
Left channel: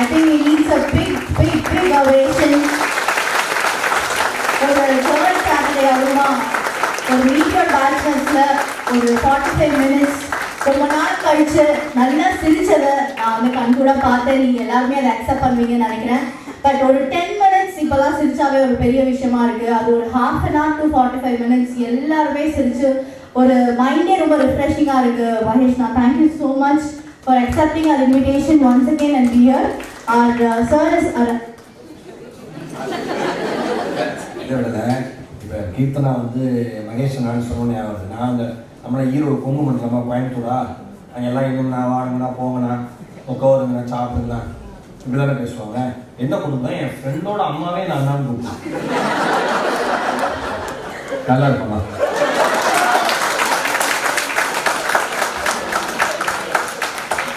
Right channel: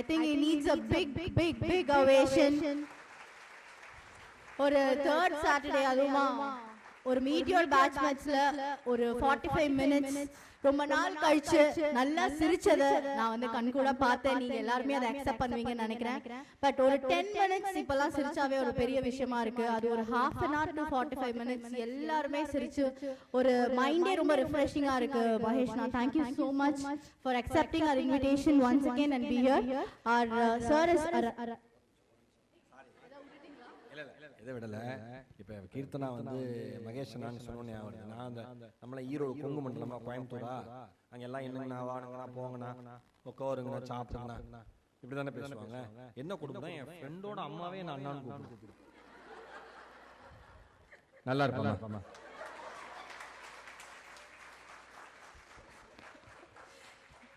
I think he needs a big ovation. ஒரு சோழர் ஃபேமிலி அருமா ஒரு மீட்டர் பேட்ச்மெண்ட்ஸ்ல ஒரு 45 மினிட்ஸ் ரொம்ப நாள் கழிச்சு நல்லா சிரிச்சதை நான் வந்து கண்கூட பார்த்தேன். நீங்க எல்லாருமே அதை அக்செப்ட் பண்ணுவீங்கன்னு நினைக்கிறேன். பட் ஒரு 10 மினிட்ஸ் இப்பெல்லாம் சிரிச்சாவே ஒரு பெரிய விஷயமா இருக்கு. அது ஒரு half an hour to 45 minutes எல்லாருமே சிரிச்சு ஒரு மைண்டே ரொம்ப ரிஃப்ரெஷிங்கா இருக்கு. மகேஷ்னா, thank you so much for accepting our invitation once again and be here. Our sir is இப்போ கீர்த்தனா வந்து மகேஷ் நான் சொன்னோன்னே ஆகுது. நான் அந்த நம்மளை ஈரோடு கொங்கு மண்டலமா கோயம்புத்தூரா அங்கே எல்லாம் எங்கன்னா வாங்கண்ணா போங்கண்ணா உட்காருங்கண்ணா சாப்பிடுங்கண்ணா இப்படி தானே பேசுவாங்க. என்ன கொடுத்தேன், என் ஃப்ரெண்டோட அம்மாவே நான் தான் கொடுத்தேன். நல்லா இருப்பேன்.